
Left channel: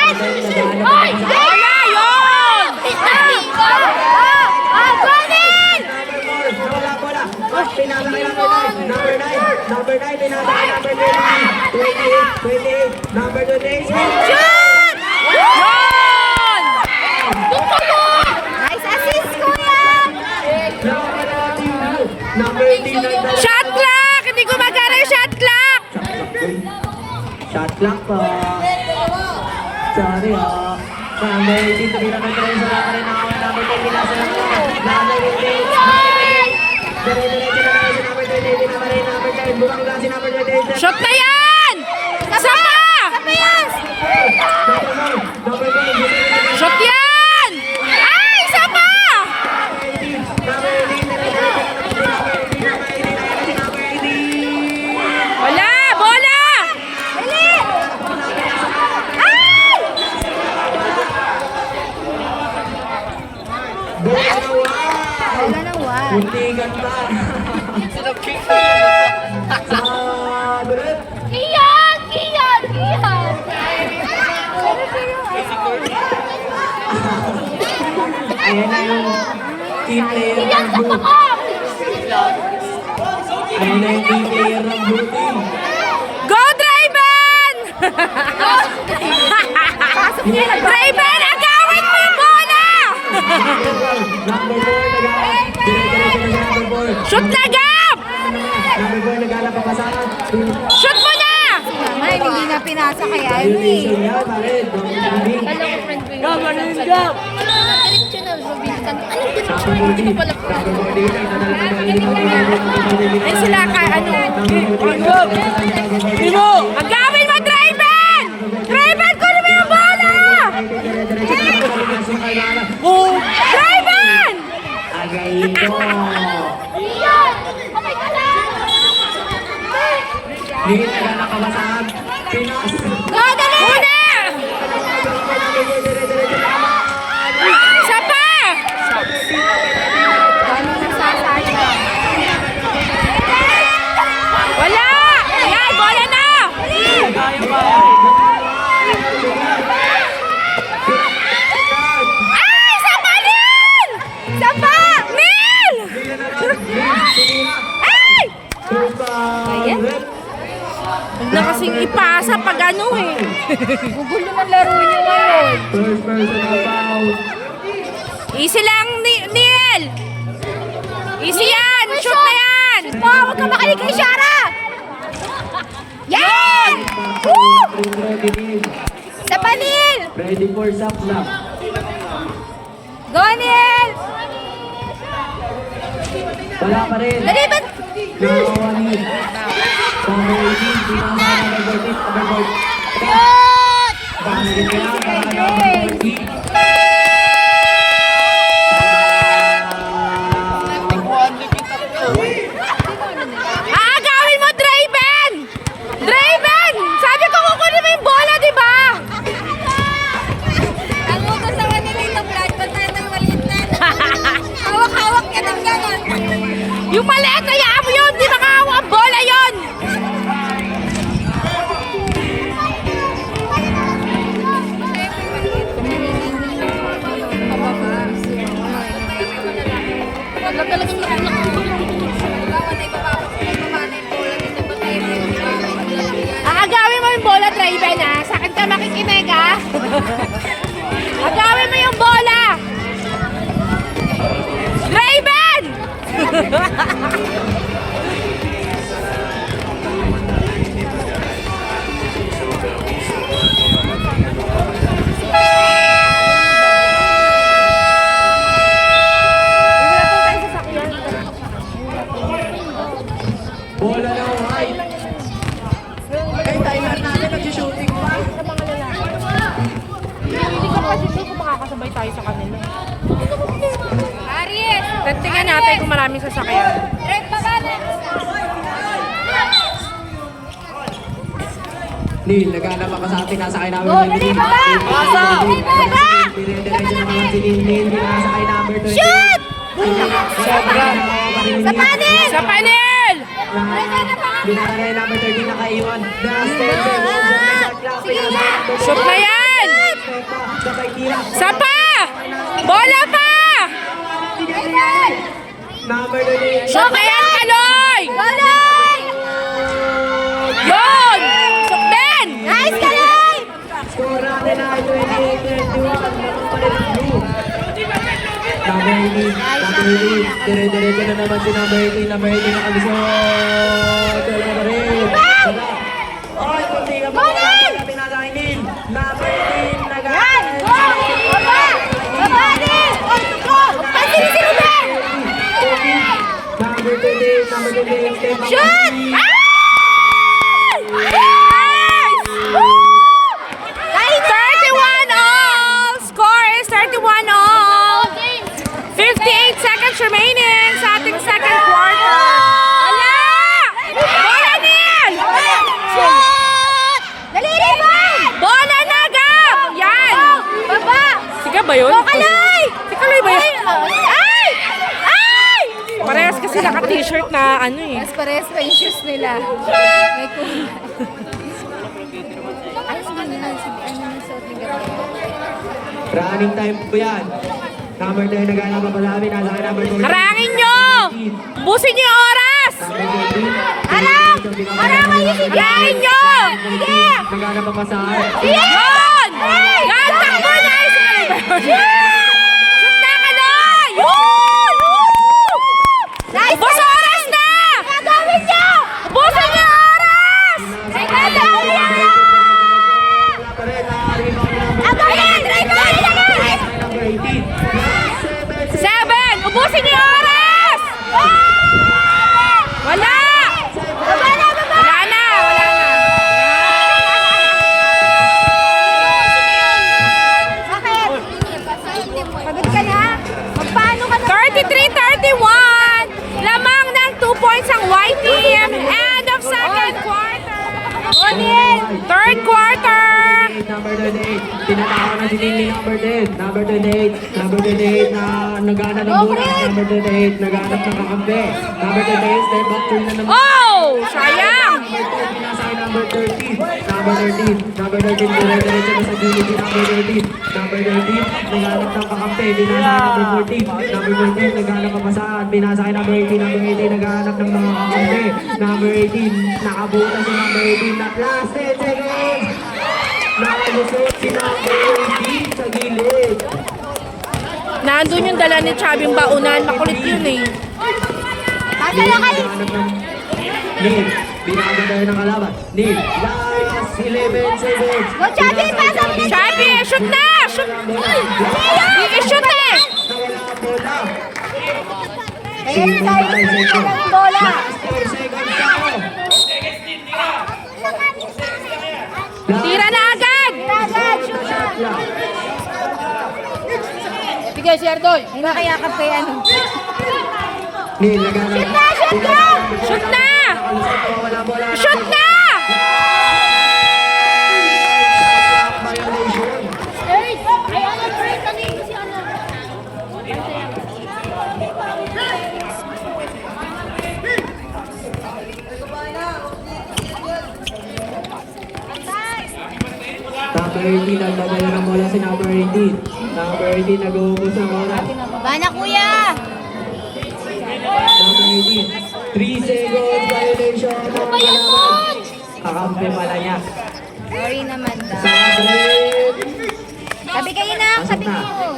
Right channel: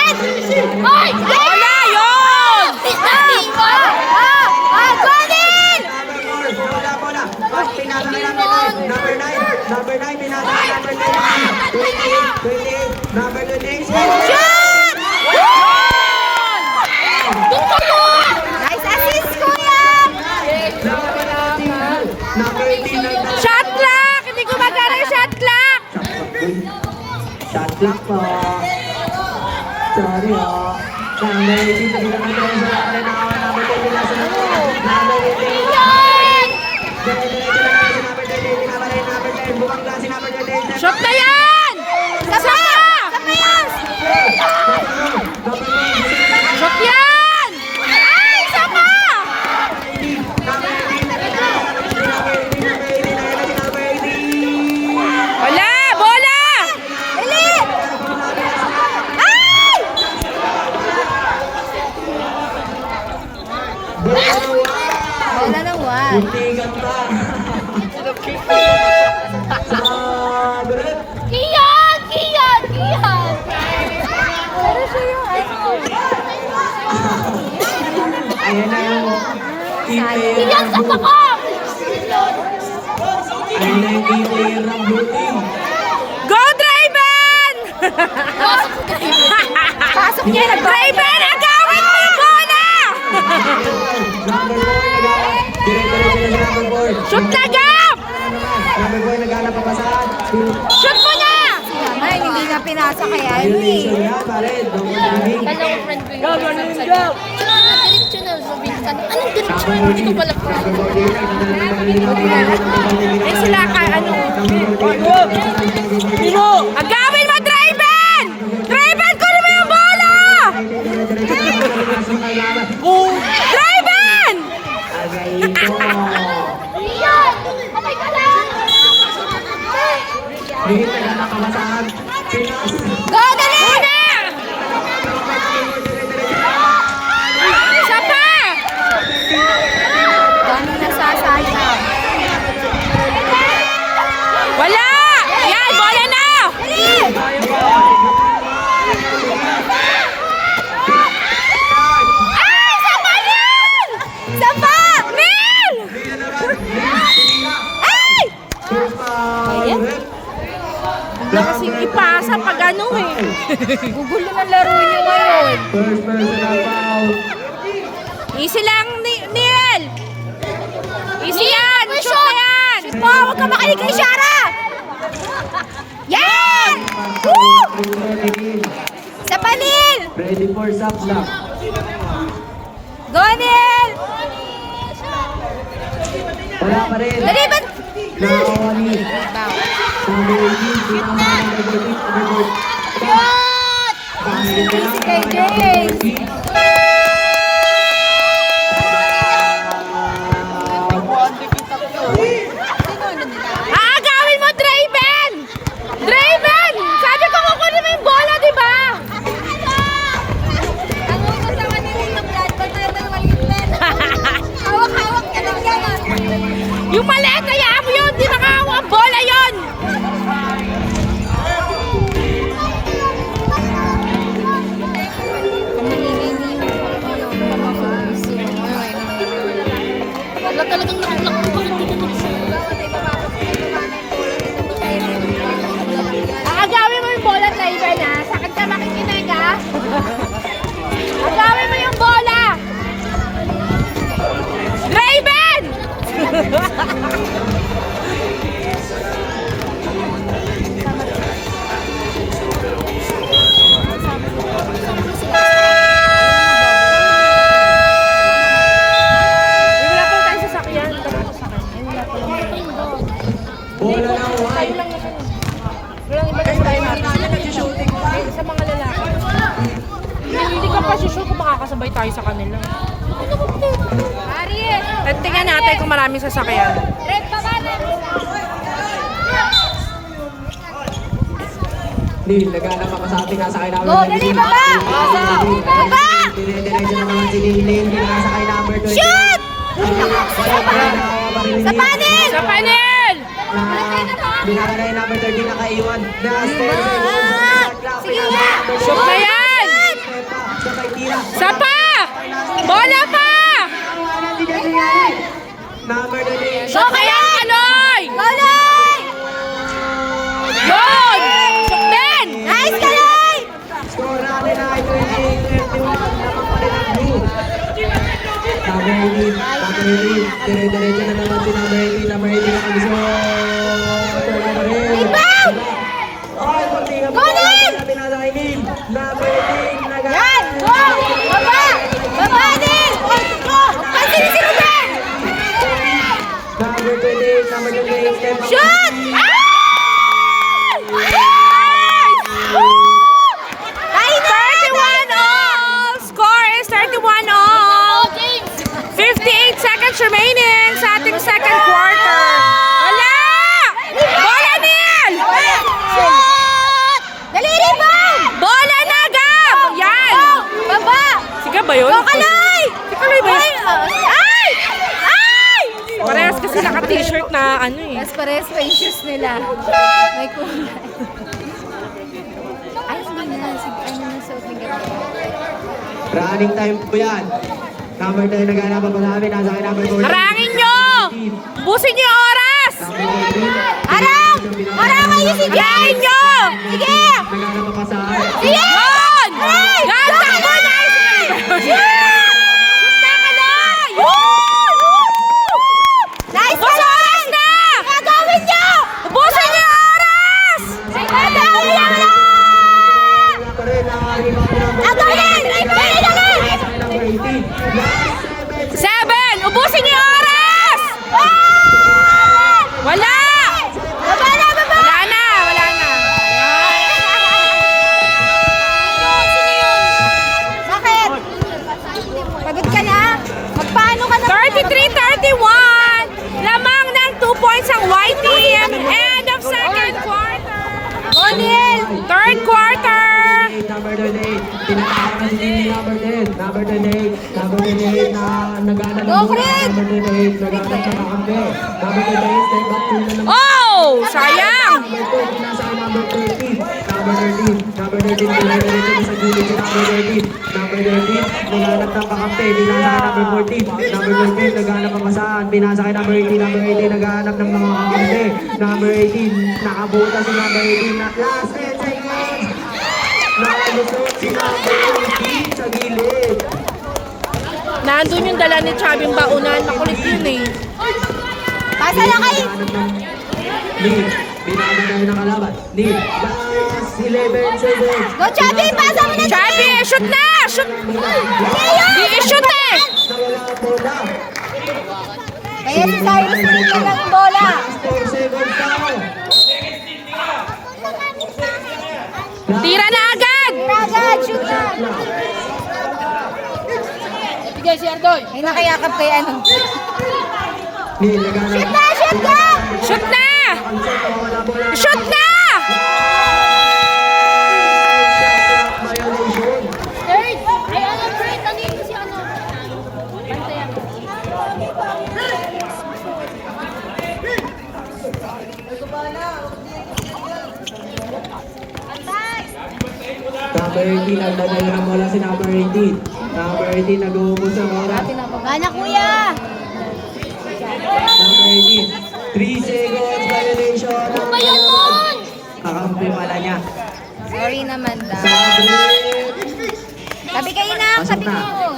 yun! Bola. Pinasa kay number 9. Number 9 pinasa kay number 28. Number 28. Shoot! Yun! Nice assist, kuya! Number 18. Shot clock! Hindi ko magana yung shot clock! Shot clock po. Sorry Number 18, tingnan natin tayo sa lahat rin ako. Number 10, pinasa na po. Number 18. Dire-diretso na tayo si number 20. Pinaparin number 10. Bumalik lang si number 28. Shot na yan! Isa pa! Shot yan! Ay, isa pa! Wala! Bola! Bola na wow! Wala na wala. Muntikan pa. Sa Brett. Kiyan! Ayan na yung team player ng blue. Ayan na yung team player ng blue team. Go, Draven! Draven, agawin mo yung bola! Number 4 naghanap. Dire-diretso na si number 4. Shoot na gap! Number 4 naghanap pa sa Shoot mo na! Naman, hindi na pinasa kaya yun eh. violation na pared. Eh sila ka ano? Agawin mo, Draven! Draven, kunin mo yung bola! Oh! Draven! Hindi naghanap pa sa Pinas. Go, dali na! Isa pa! Gano'n nasasasya. Wala! Yan, bola na! Ay, isa pa rin! Isa pa! Mel! Ay! Wala kasing ipasa pag ano eh. Gugulo na laro niyo ngayon. First personal foul. Easy lang, Neil! Easy yan! Shoot na yan! Huwag ka makinig kay Shara! Yan! Woo! Sa panil! Ready for shot block. Go, Nil! Wala pa rin. Dali ba? Nakawali. Number 18, pinasa number 14. Number 14. Shoot! Bakit na lang? Number 14. Aagawin mo, Draven! Draven! Sabi ko kukunin mo yung bola, di ba? Ang masasawa ni Nil na Brad, basta ng maliit na. Hawak-hawak ka ng gawin. Yung maliit na yamo yun! Di makahawak ang bola yun! makakasabay tayo sa kanila. Tingnan natin kung maraming sasakyan. Neil, naghanap ang kasakti nasakay namin ng Neil. Dire-diretso na mga si Neil, pinasakay number 20. Shoot! Sa panel! Sa panel! Binakara yung number 13 nakaiwan. Shoot na yan! Sapa! Bola pa! Number 20. Shoot na yan, Kaloy! Kaloy! Yun! Shoot din! Nice, Kaloy! Score namin na ay 28-21. Number 18. Dire-diretso na naman si number 18. Number 18 nakalisot. Wala na rin. Yan! Baba! Baba din! Pansin si Ruben! Number 28, number 28, step up. Shoot! Kahit 31 all! Score is 31 all! 58 seconds remaining sa ating second quarter. Wala! Bola, Neil! Shoot! Dali rin, Boy! Bola na, Gab! Yan! Baba! Si Gab ba yun? Go, Kaloy! Si Kaloy ba yun? Ay! Ay! Parehas kasi naka-t-shirt na ano eh. Tapos parehas pa yung shoes nila. May kulay. Ayos din na. Ano na suot ni Gabo? Running time po yan. Number 10, naghanap pa namin. Nasa kay number 14. Harangin nyo! Busin nyo yung oras! Harangin nyo! Sige! Naghanap pa sa Yun! Yan! Takbo na! Shoot na, Kaloy! Nice! Ubus yung oras na! Gagawin nyo! Ubusin nyo yung oras! Gagawin nyo! number 18. 7! Ubusin nyo yung oras! Wala! Wala na! Wala na! Bakit? Sagot ka na? Paano ka na? 33-31! Lamang ng 2 points ang white team. End of second quarter. Third quarter. Number 28. Tinatawag na si Lily number 10. Number 28. Number 28 na naghanap ng bola. Number 28 naghanap ng kakampi. Number 28 step back turn na naman. Oh! Sayang! Number 2 pinasakay number 13. Number 13. Number 13 dire-diretso na sa gilid si number 13. Number 13 naghanap ng kakampi. Binasakay number 14. Number 14 naghanap ng masaan. Binasakay number 18. Number 18 naghanap ng mga kakampi. Number 18 nakabuta si number 18 na class 10 seconds. Nakalusot si number 18 sa gilid. Nandun yung dala ni Chabing Baunan. Makulit yun eh. Nasa na kayo? Neil, binagadaw ng kalaban. Neil, last 11 seconds. Go, Chubby! Pasok niya! Chabi, shoot na! Shoot! Di shoot eh! Nawala ka po na. Kaya si Cyrus na ng bola. Last 4 seconds pa. Tira na agad! Agad! Shoot na! Sige, si Ardoy. Ay, nakayakap kay ano. Neil, naghanap. Shoot na! Shoot na! Shoot na! Violation. Number 18, nagdadala ng bola si number 18. Number 18, nag-uubos ng bola. Mana, kuya! Number 18, 3 seconds violation ng kalaban. Kakampi pala niya. Sorry naman daw. Sa break. Tabi kayo na! Tabi ko!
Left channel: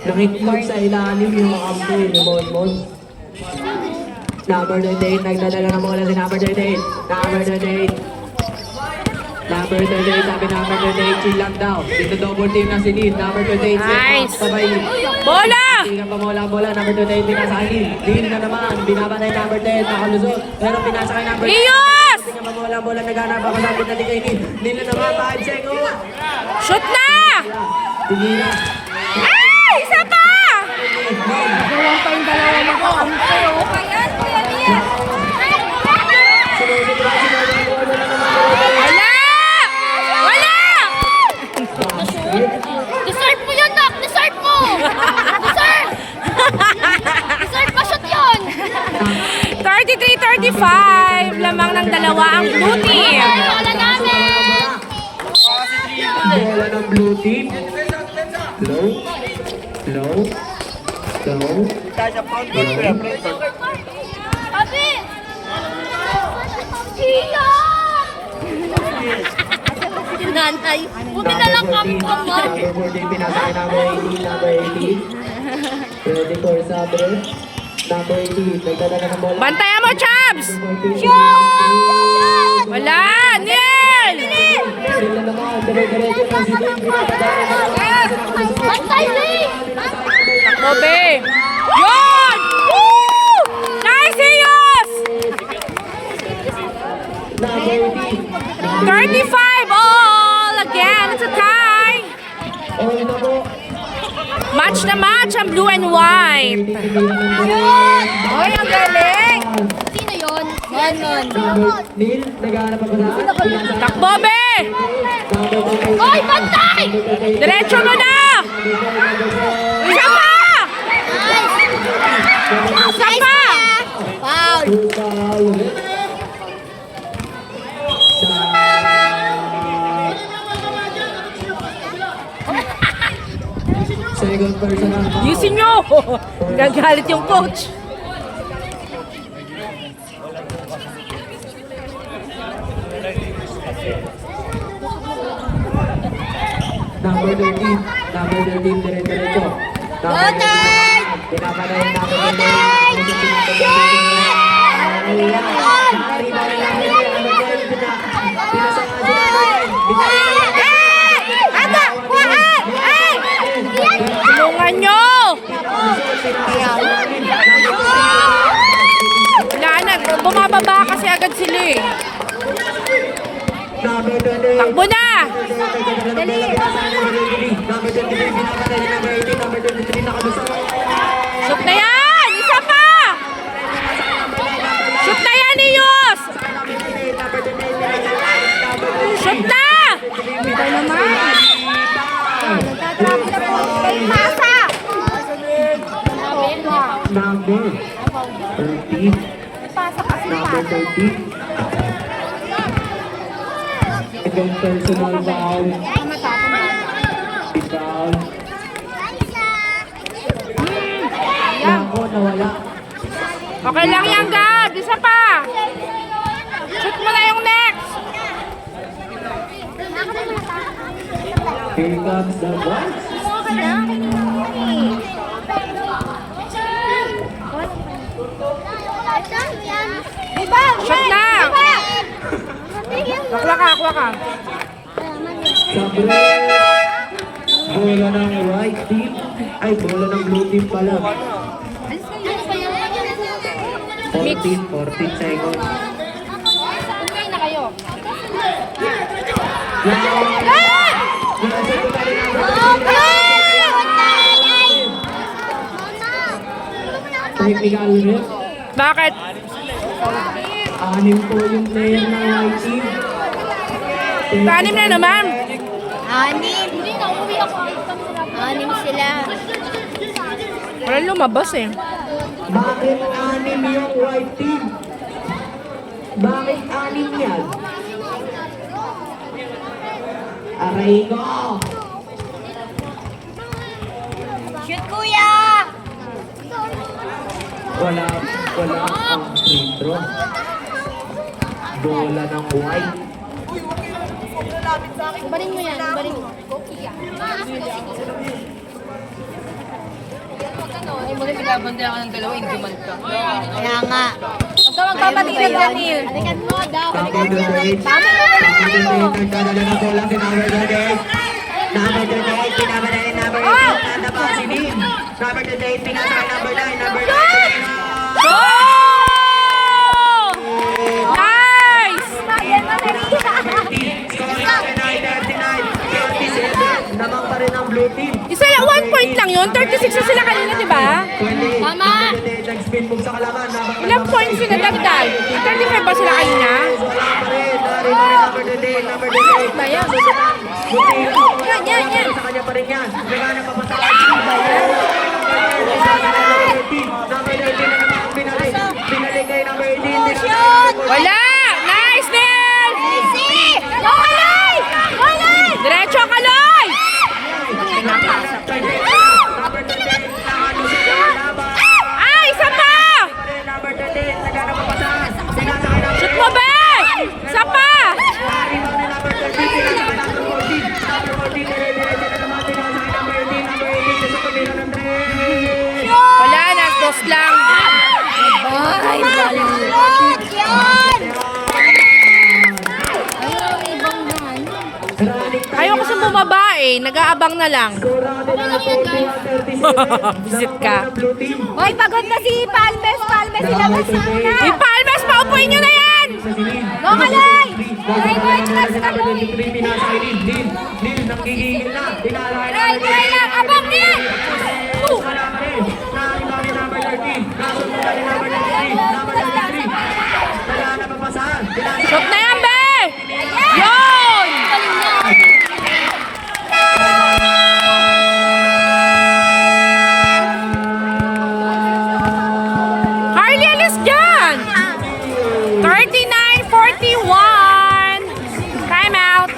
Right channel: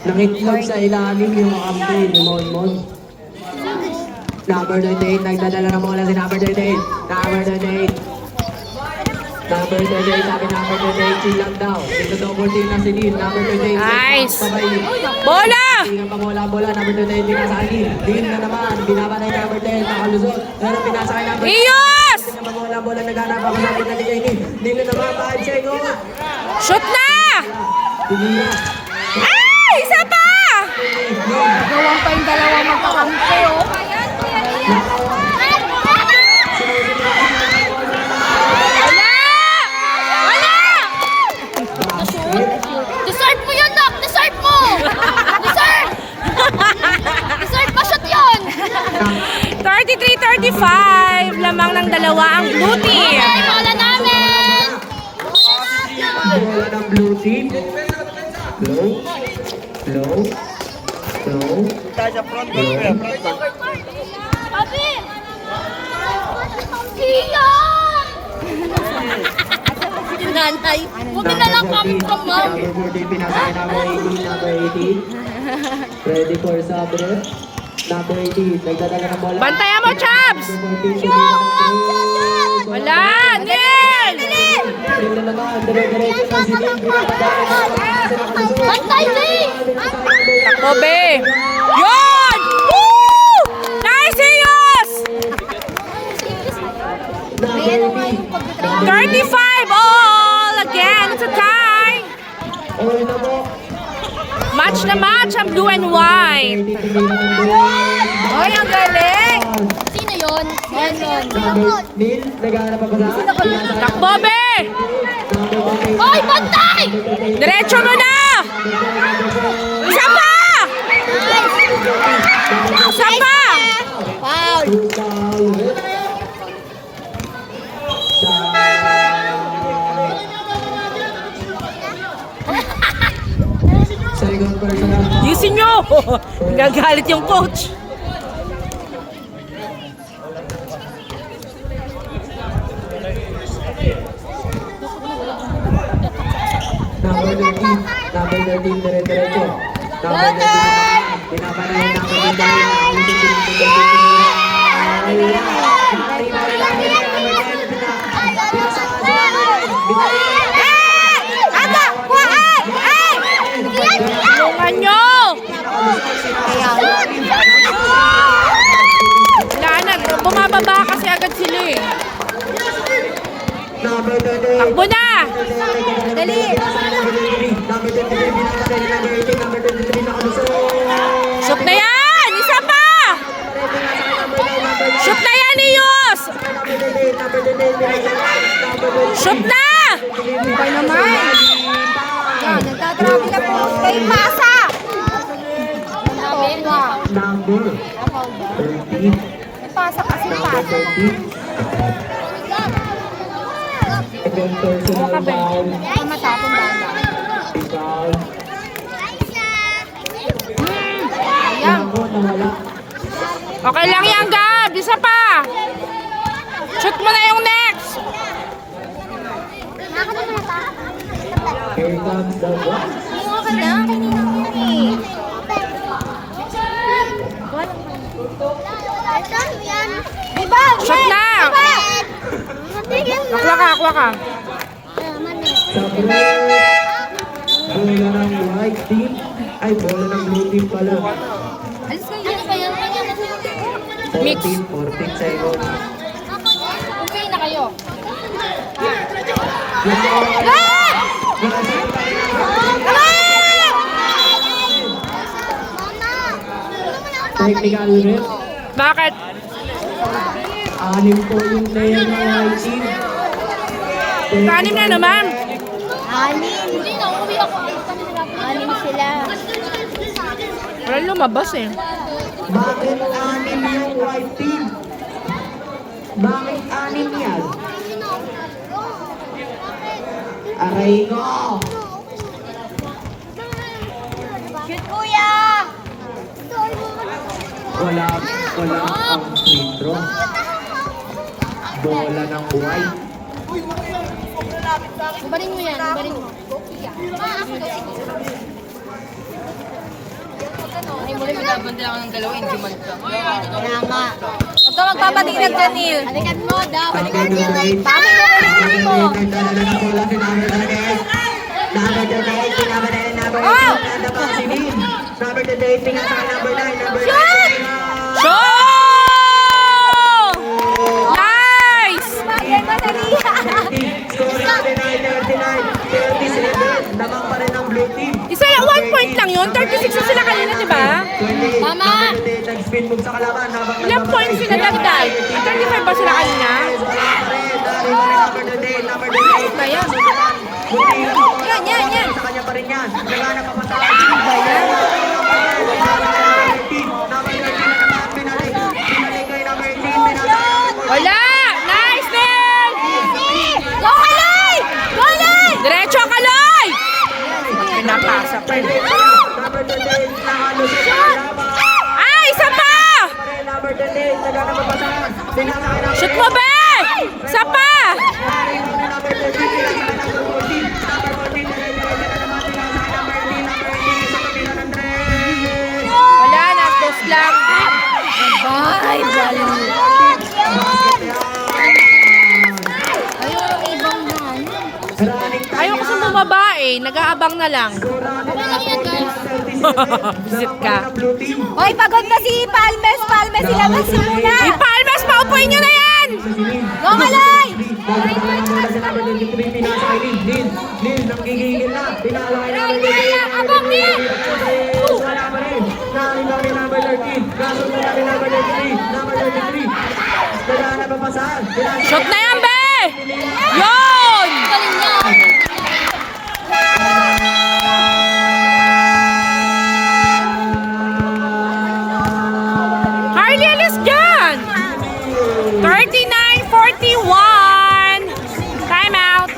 Nangitlog sa ilalim yung kakampi ni Monmon. Number 28, nagdadala ng bola si number 28. Number 28. Number 28, sabi number 28, chill lang daw. Dito double team na si Neil. Number 28, Nice. sabay. Bola! Tingnan pa mo lang bola. Number 28, pinasa kay Neil. Neil na naman, binabanay number 10, nakalusot. Pero pinasa kay number 10. Iyos! Tingnan pa mo lang bola, naghanap ako sa pinali kay Neil. Neil na naman, 5 seconds. Shoot na! Tigilan. Ay! Isa pa! Gawang pa yung dalawa makakampi. Ayan, kuya Liam. Wala! Wala! Deserve mo yun, Nak! Deserve mo! Deserve! Deserve pa shoot yun! 33-35. Lamang ng dalawa ang blue team. Bola namin! Bola ng blue team. Low. Low. Low. Abi! Iya! Nanay, buti na lang kami kamay. Number 14, pinasakay number 18, number 18. Ready for sabre. Number 18, nagdadala ng bola. Bantayan mo, Chabs! Wala! Neil! Rin na naman, dire-diretso ng sining, binapadaan ng mga Bantay, Lee! Bobe! Yun! Woo! Nice, Iyos! number 18. 35 all! Again, it's a tie! All na po. Match na match ang blue and white. Oy, ang galing! Sino yun? Number Neil, naghahanap pa pala. Takbo, Be! Number 13. Ay, bantay! Diretso mo na! Isa pa! Isa pa! Foul! Second personal foul. Yusin nyo! Nagalit yung coach. Number 13. Number 13, dire-diretso. Number 13 naman. Pinapanayin number 13. Tulungan nyo! Wala na, bumababa kasi agad sila eh. Number 13. Takbo na! Shoot na yan! Isa pa! Shoot na yan, Iyos! Shoot na! Pasa! Number 13. Pasa kasi Number 13. Second personal foul. matapon ba? Foul. Nako, nawala. Okay lang yan, Gab. Isa pa. Shoot mo na yung next. Here comes the box. Shoot na. Akla ka, akla ka. Sabre. Bola ng white team. Ay, bola ng blue team pala. 14 seconds. Uwi na kayo. Technical ref. Bakit? 6 po yung player ng white team. Panim na naman. Hindi na, uwi ako. Anim sila. Wala lumabas eh. Bakit 6 yung white team? Bakit 6 yan? Aray ko! Shoot, kuya! Wala ang free throw. Bola ng white. Ibarin mo yan, ibarin mo. Ay, mo rin binabanda ako ng dalawa, hindi man ka. Kaya nga. Ito magpapatingin ka, Neil. Balikan mo, dapat. Number 28. Number 28. Nagdadala ng bola si number 28. Number 28. Pinabalayan number 18. Tanda pa si Dean. Number 28. Pinasakay number 9. Number 9. Nice! Number 30. Scoring 39, 39, 37. pa rin ang blue team. Isa lang, 1 point lang yun. 36 na sila kanina, di ba? 28, Tama. number 28, nag-spin move sa kalaban. Ilang points sila dagdag? 35 ba sila kanina? Number 28, number 28. Ba yan? Yan. Sa kanya pa rin yan. Nagana pa pasahan. Binalik kay number 18. Wala! Nice, Nel! Diretso ang kaloy! Number 28, nakano sa kalaban. Ay, isa pa! Number 28, nagana pa pasahan. Sinasakay ng Shoot mo, be! Isa pa! Wala na, dos lang. Bye, Bali. Ayaw, ibang yan. Ayaw kasi bumaba eh. Nag-aabang na lang. Visit ka. Hoy, pagod na si Palmes. Palmes, ilabas sa na. Ipalmas, paupuin nyo na yan! Mamalay! Abang ni! Shoot na yan, be! Yun! Harley, alis dyan! 39-41. Time out.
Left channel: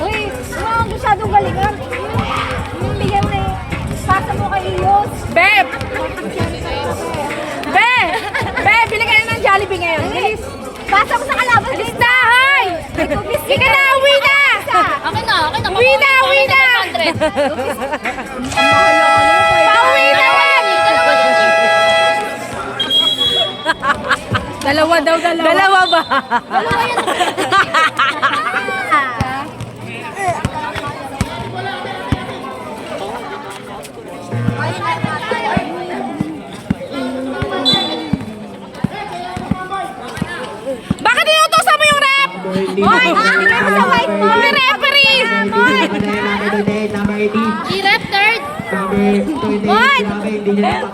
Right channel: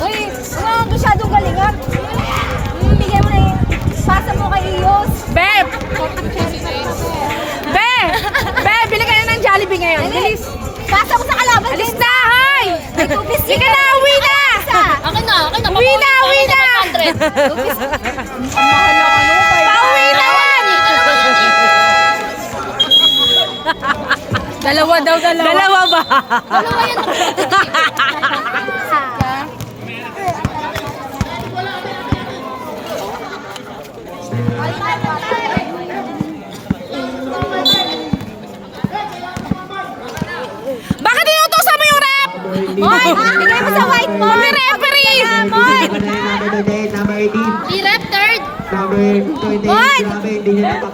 Uy, ano masyadong galingan? Bigyan mo na yung pasa mo kay Iyos. Beb! Bili ka na ng Jollibee ngayon. Bilis. Pasa mo sa kalaban. Bilis na, hoy! Sige na, uwi na! Akin na. Uwi na! Pauwi na! Dalawa daw, Dalawa ba? Bakit inutosan mo yung rep? Hoy, bigyan mo sa white mo. May referee! I-rep third.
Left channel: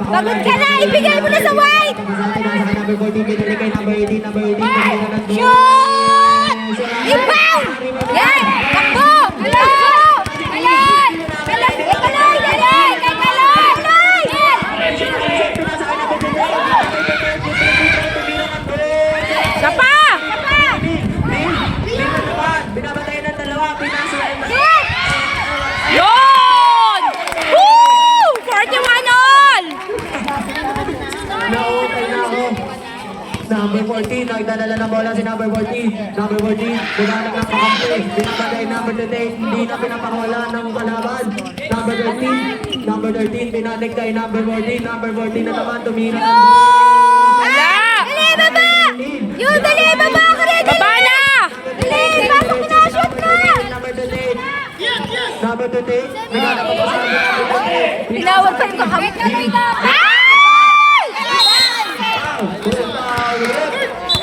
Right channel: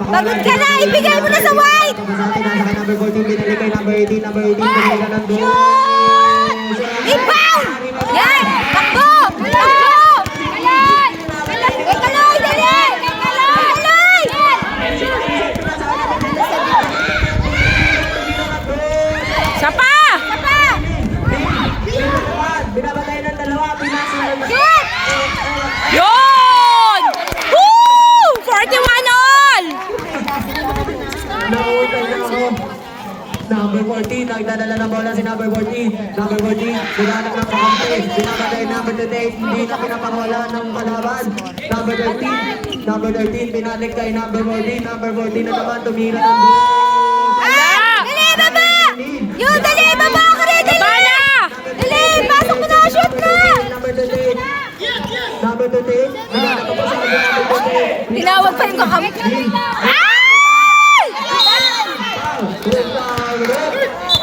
Pagod ka na, ibigay mo na sa white. Ibaw! Yan! Takbo! Isa pa! Binabatayan ng dalawa, pinasa ng dalawa. Yun! Woo! 41 all! Nautay na ako. Number 14, nagdadala ng bola si number 14. Number 14, naghanap ng pakampi. Binabagay namin today, hindi na pinapakawala ng kalaban. Number 13, binalik kay number 14. Number 14 na naman, tumira ng bola. Wala! Dali, baba! Yun, dali, baba ako rin! Baba na! Dali, pasok na, shoot na! Number 28, number 28, naghanap ng pakampi. Number 28. Tinawag pa yung kakampi.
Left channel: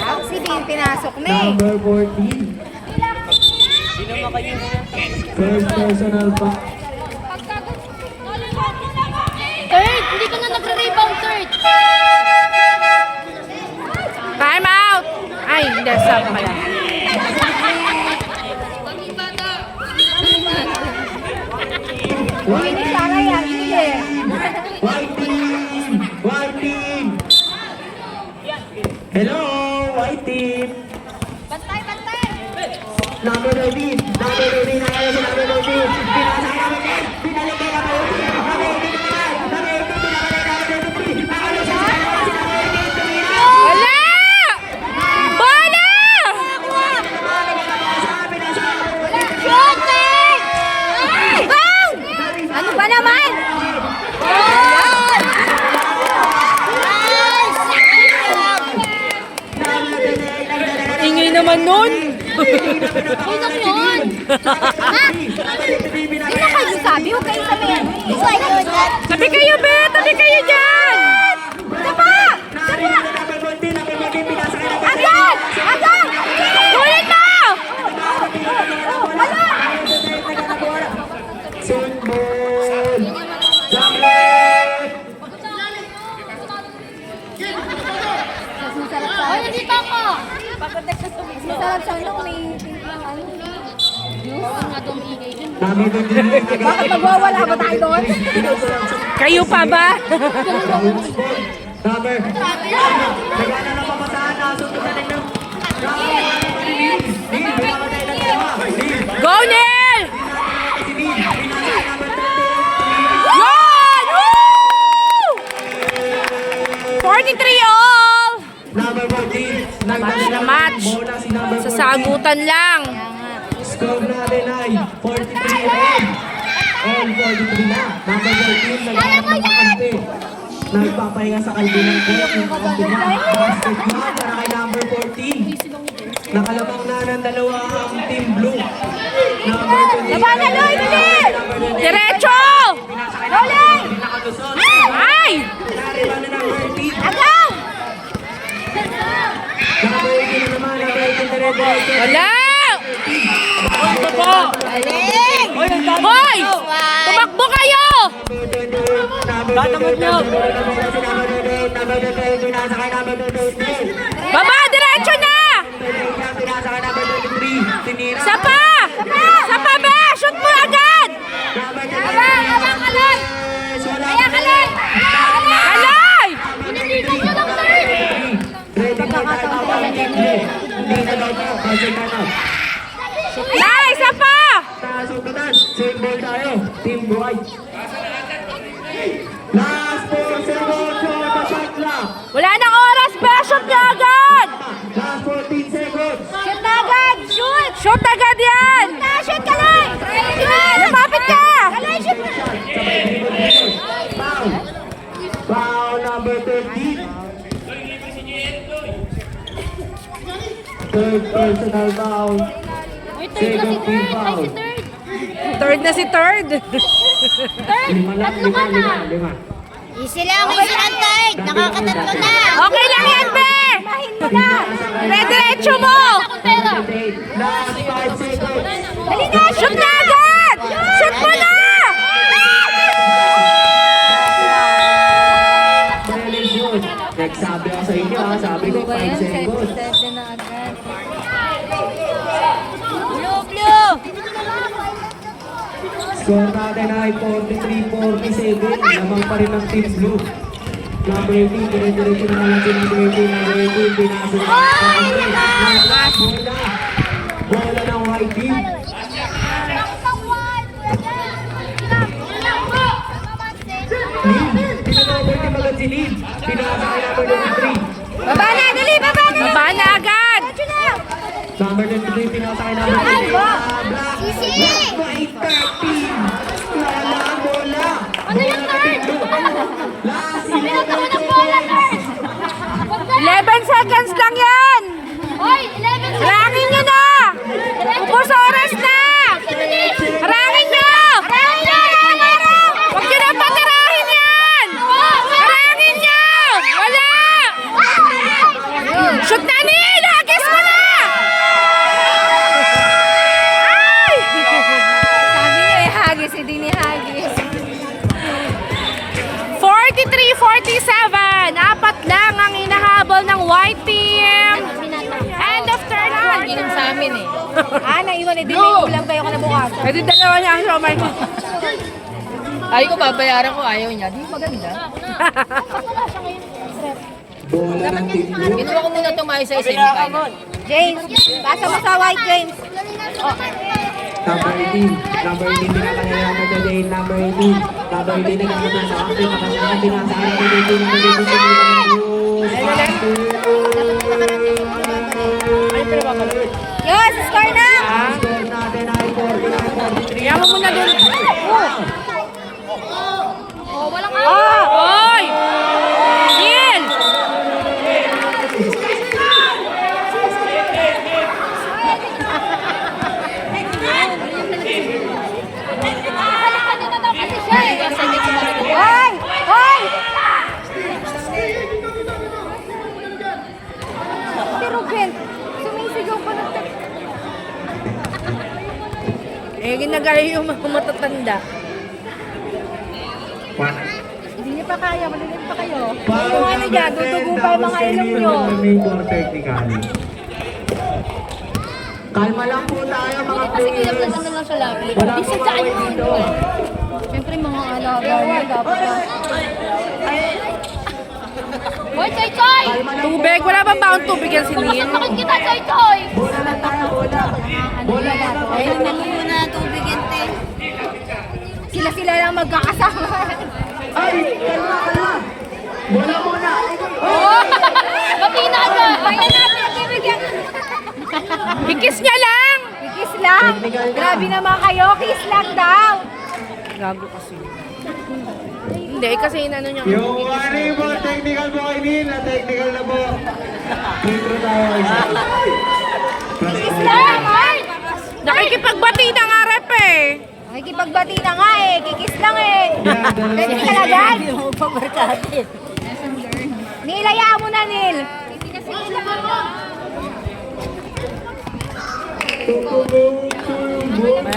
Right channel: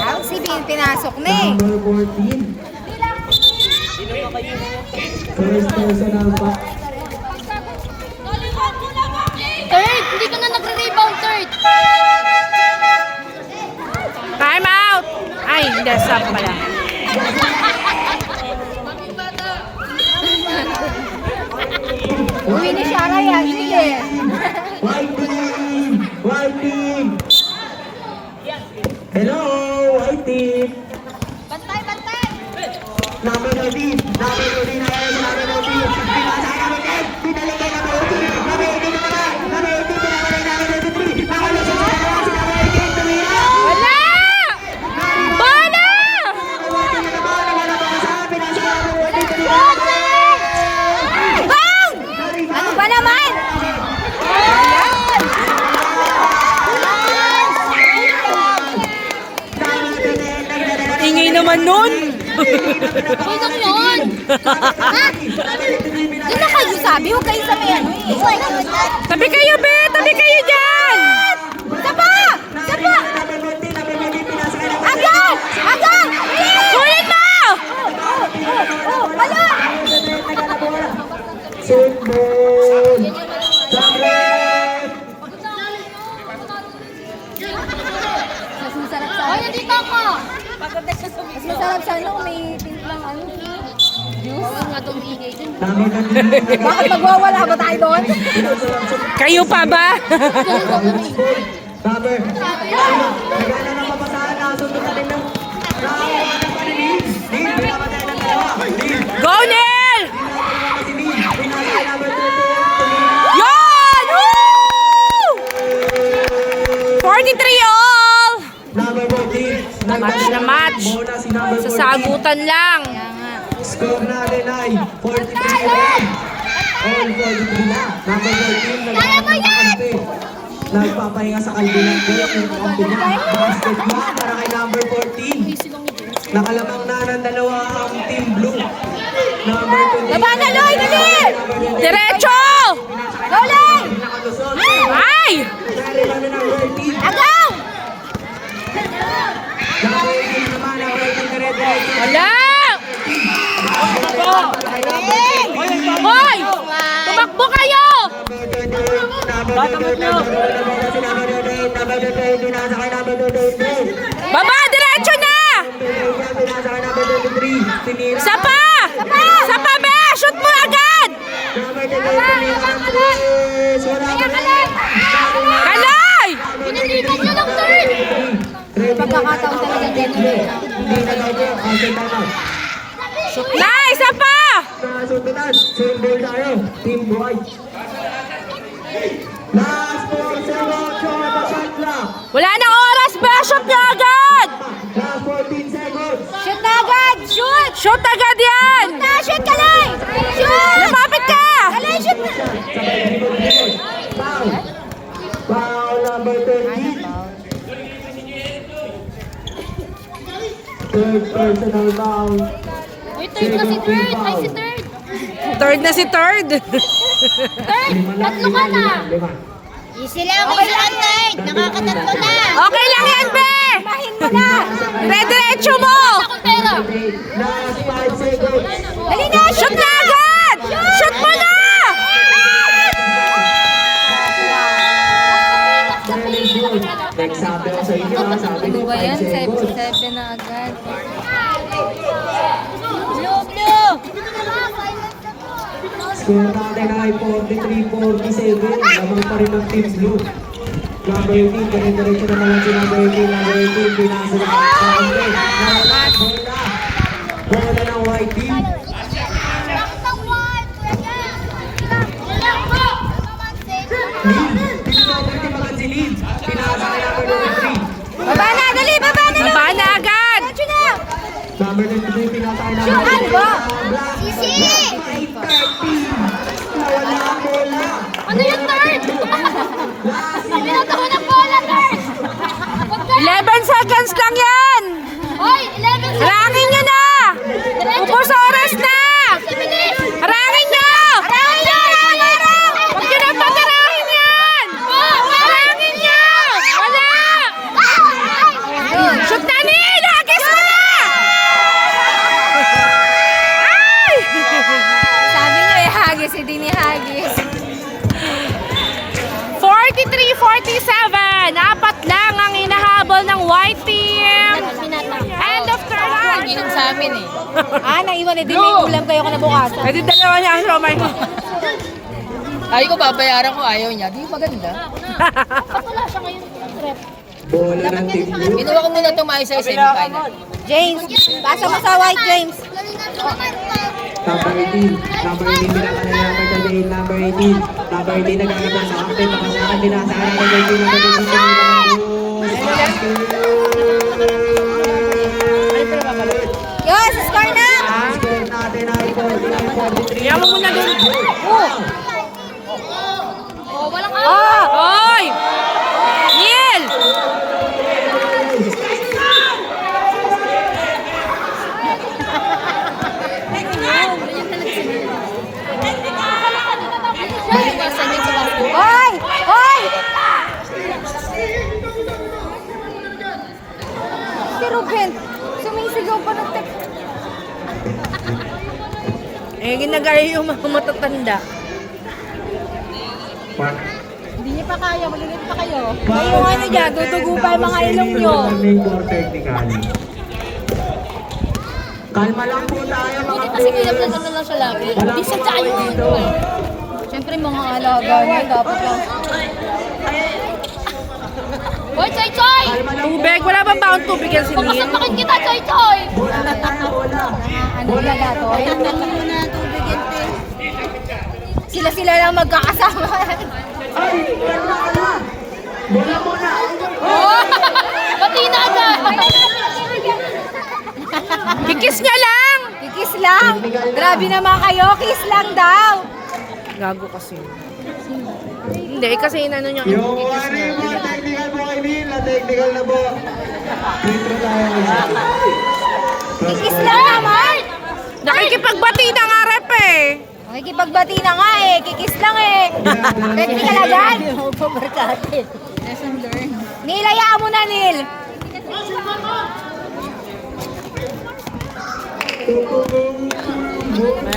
Ang sibing pinasok na eh. Number 14. First personal back. Third. Hindi ka na nagre-rebound third. Time out! Ay, hindi. Stop pala. Uwi ni siya kaya, hindi eh. White team! White team! Hello, white team! Number 13, number 13 na kayo sa number 13. Pinasa namin, pinalagay na number 13. Number 13 na Wala! Bola! Bang! Ano ba naman? Ingay naman nun! Sinong yun? Hindi na kayo sabi, huwag kayo sabi ano eh. Tabi kayo, be! Tabi kayo dyan! Sabay! Mas masarap sa Hoy, nandito ako! Mas masarap sana kung may timplang ano. Ano nga itong ingay dun? Number 23. Bakit magwawala ba tayo doon? Kayo pa ba? Number. Bigyan na ng kapasahan na susunod natin ng Neil, pinapatay ng dalawa. Neil, Go, Neil! si Neil. Pinasay number 28. Yan! Woo! 43 all! Number 14. Match na match. Muna si number 14. Sa sagutan lang. Score natin ay 43 all. All 43 na. Number 14. Nagpapahinga nagpapahinga sa kalbunan ko. Basket block para kay number 14. Nakalabang na ng dalawa ang team blue. Number 28. Loy, dali! Diretso! Nakalusot. Ay! Narito na ng 14. Agaw! Number 18 naman. Number 18 dire-diretso. Wala! Hoy! Tumakbo kayo! Baba, diretso na! Isa pa! Isa pa ba? Shoot mo agad! Kalay! Na, isa pa! Last 4 seconds for the shot clock. Wala na oras ba? Shoot na agad! Last 14 seconds. Shoot na agad! Shoot! Shoot agad yan! Shoot ka lang! Shoot! Lumapit ka! Kalay, shoot na! Foul. Foul number 13. Third personal foul. Uy, third na si third. Ay, si third. Third na si third. Third, tatlo ka na. Lima. Easy lang, easy lang, Tide. Nakakatatlo na. Okay lang yan, be! Mahin mo na. Rediretso mo! Ako pera. Last 5 seconds. Dali na, Shoot na agad! Shoot mo na! Nagsabi ako sa inyo, sabi ko 5 seconds. 7 na agad. Blue! Score natin ay 43-47. Lamang pa rin ang team blue. Number 18, dire-diretso na naman si number 18. Number 18, pinasa na. Bola ng white team. Lead. Pinaka-number team agad si Lead. Pinasa kay number 23. Baba na, dali! Baba na agad! Number 23, pinasa kay number 28. Black white tag team. Wala ang bola. Ano yung third? Last Pinata mo ng bola, third. 11 seconds lang yan! Hoy, 11 Harangin nyo na! Ubus oras na! Harangin nyo! Huwag nyo na patarahin yan! Harangin nyo! Wala! Shoot na ni! Lagis mo na! Ay! Sabi nyo eh, hagis, hindi ni hagis. 43-47. Apat lang ang inahabol ng white team. End of third quarter. Sa amin eh. Naiwan eh, di may ulam kayo kinabukasan. Eh di dalawa niya ang romay ko. Ay ko babayaran ko, ayaw niya. Di maganda. bola ng team blue. Ginawa ko muna itong maayos sa isa. James, pasa mo sa white, James. Number 18. Number 18, pinasa kay number 28. Number 18. Number 18 na nakita sa kapatid. Nakasama pinasa kay number 18. Number 18. Yes, score na! Score natin ay 49-43. Yaman mo na doon. Oy! Neil! Hoy! Hoy! Si Ruben, sumisigaw pa ng text. Eh, ginagaya yung mga matatanda. Hindi niya pa kaya, maliliit pa kayo. Foul Yung ano dyan, number 10, dudugo pa yung tapos mga kay ilong Lino nyo. may more technical. Kalma lang po tayo mga players. Wala pong away dito. Siyempre mga alaga niya dapat lang. Boy, Choy Choy! Kalma lang po. Tubig. Wala bang baon tubig yan si Lynn? Bakit kita, Choy Choy? Bola lang tayo, bola. Bola muna. Ayun naman muna tubig ente. Sila lang magkakasama. Ay, kalma, kalma. Bola muna. Pati na na! Kikis niya lang! Kikis lang. Technical na. Grabe naman kayo, kiss lang daw. Gago kasi. Hindi, kasi inano niya. Yung warning mo, technical po kay Will. Technical na po. Dito tayo isa. Kiss lang naman. Nakikipagbati ng harap eh. Nakikipagbati na nga eh, kikis lang eh. Technical agad. Neil, hayaan mo na, Neil.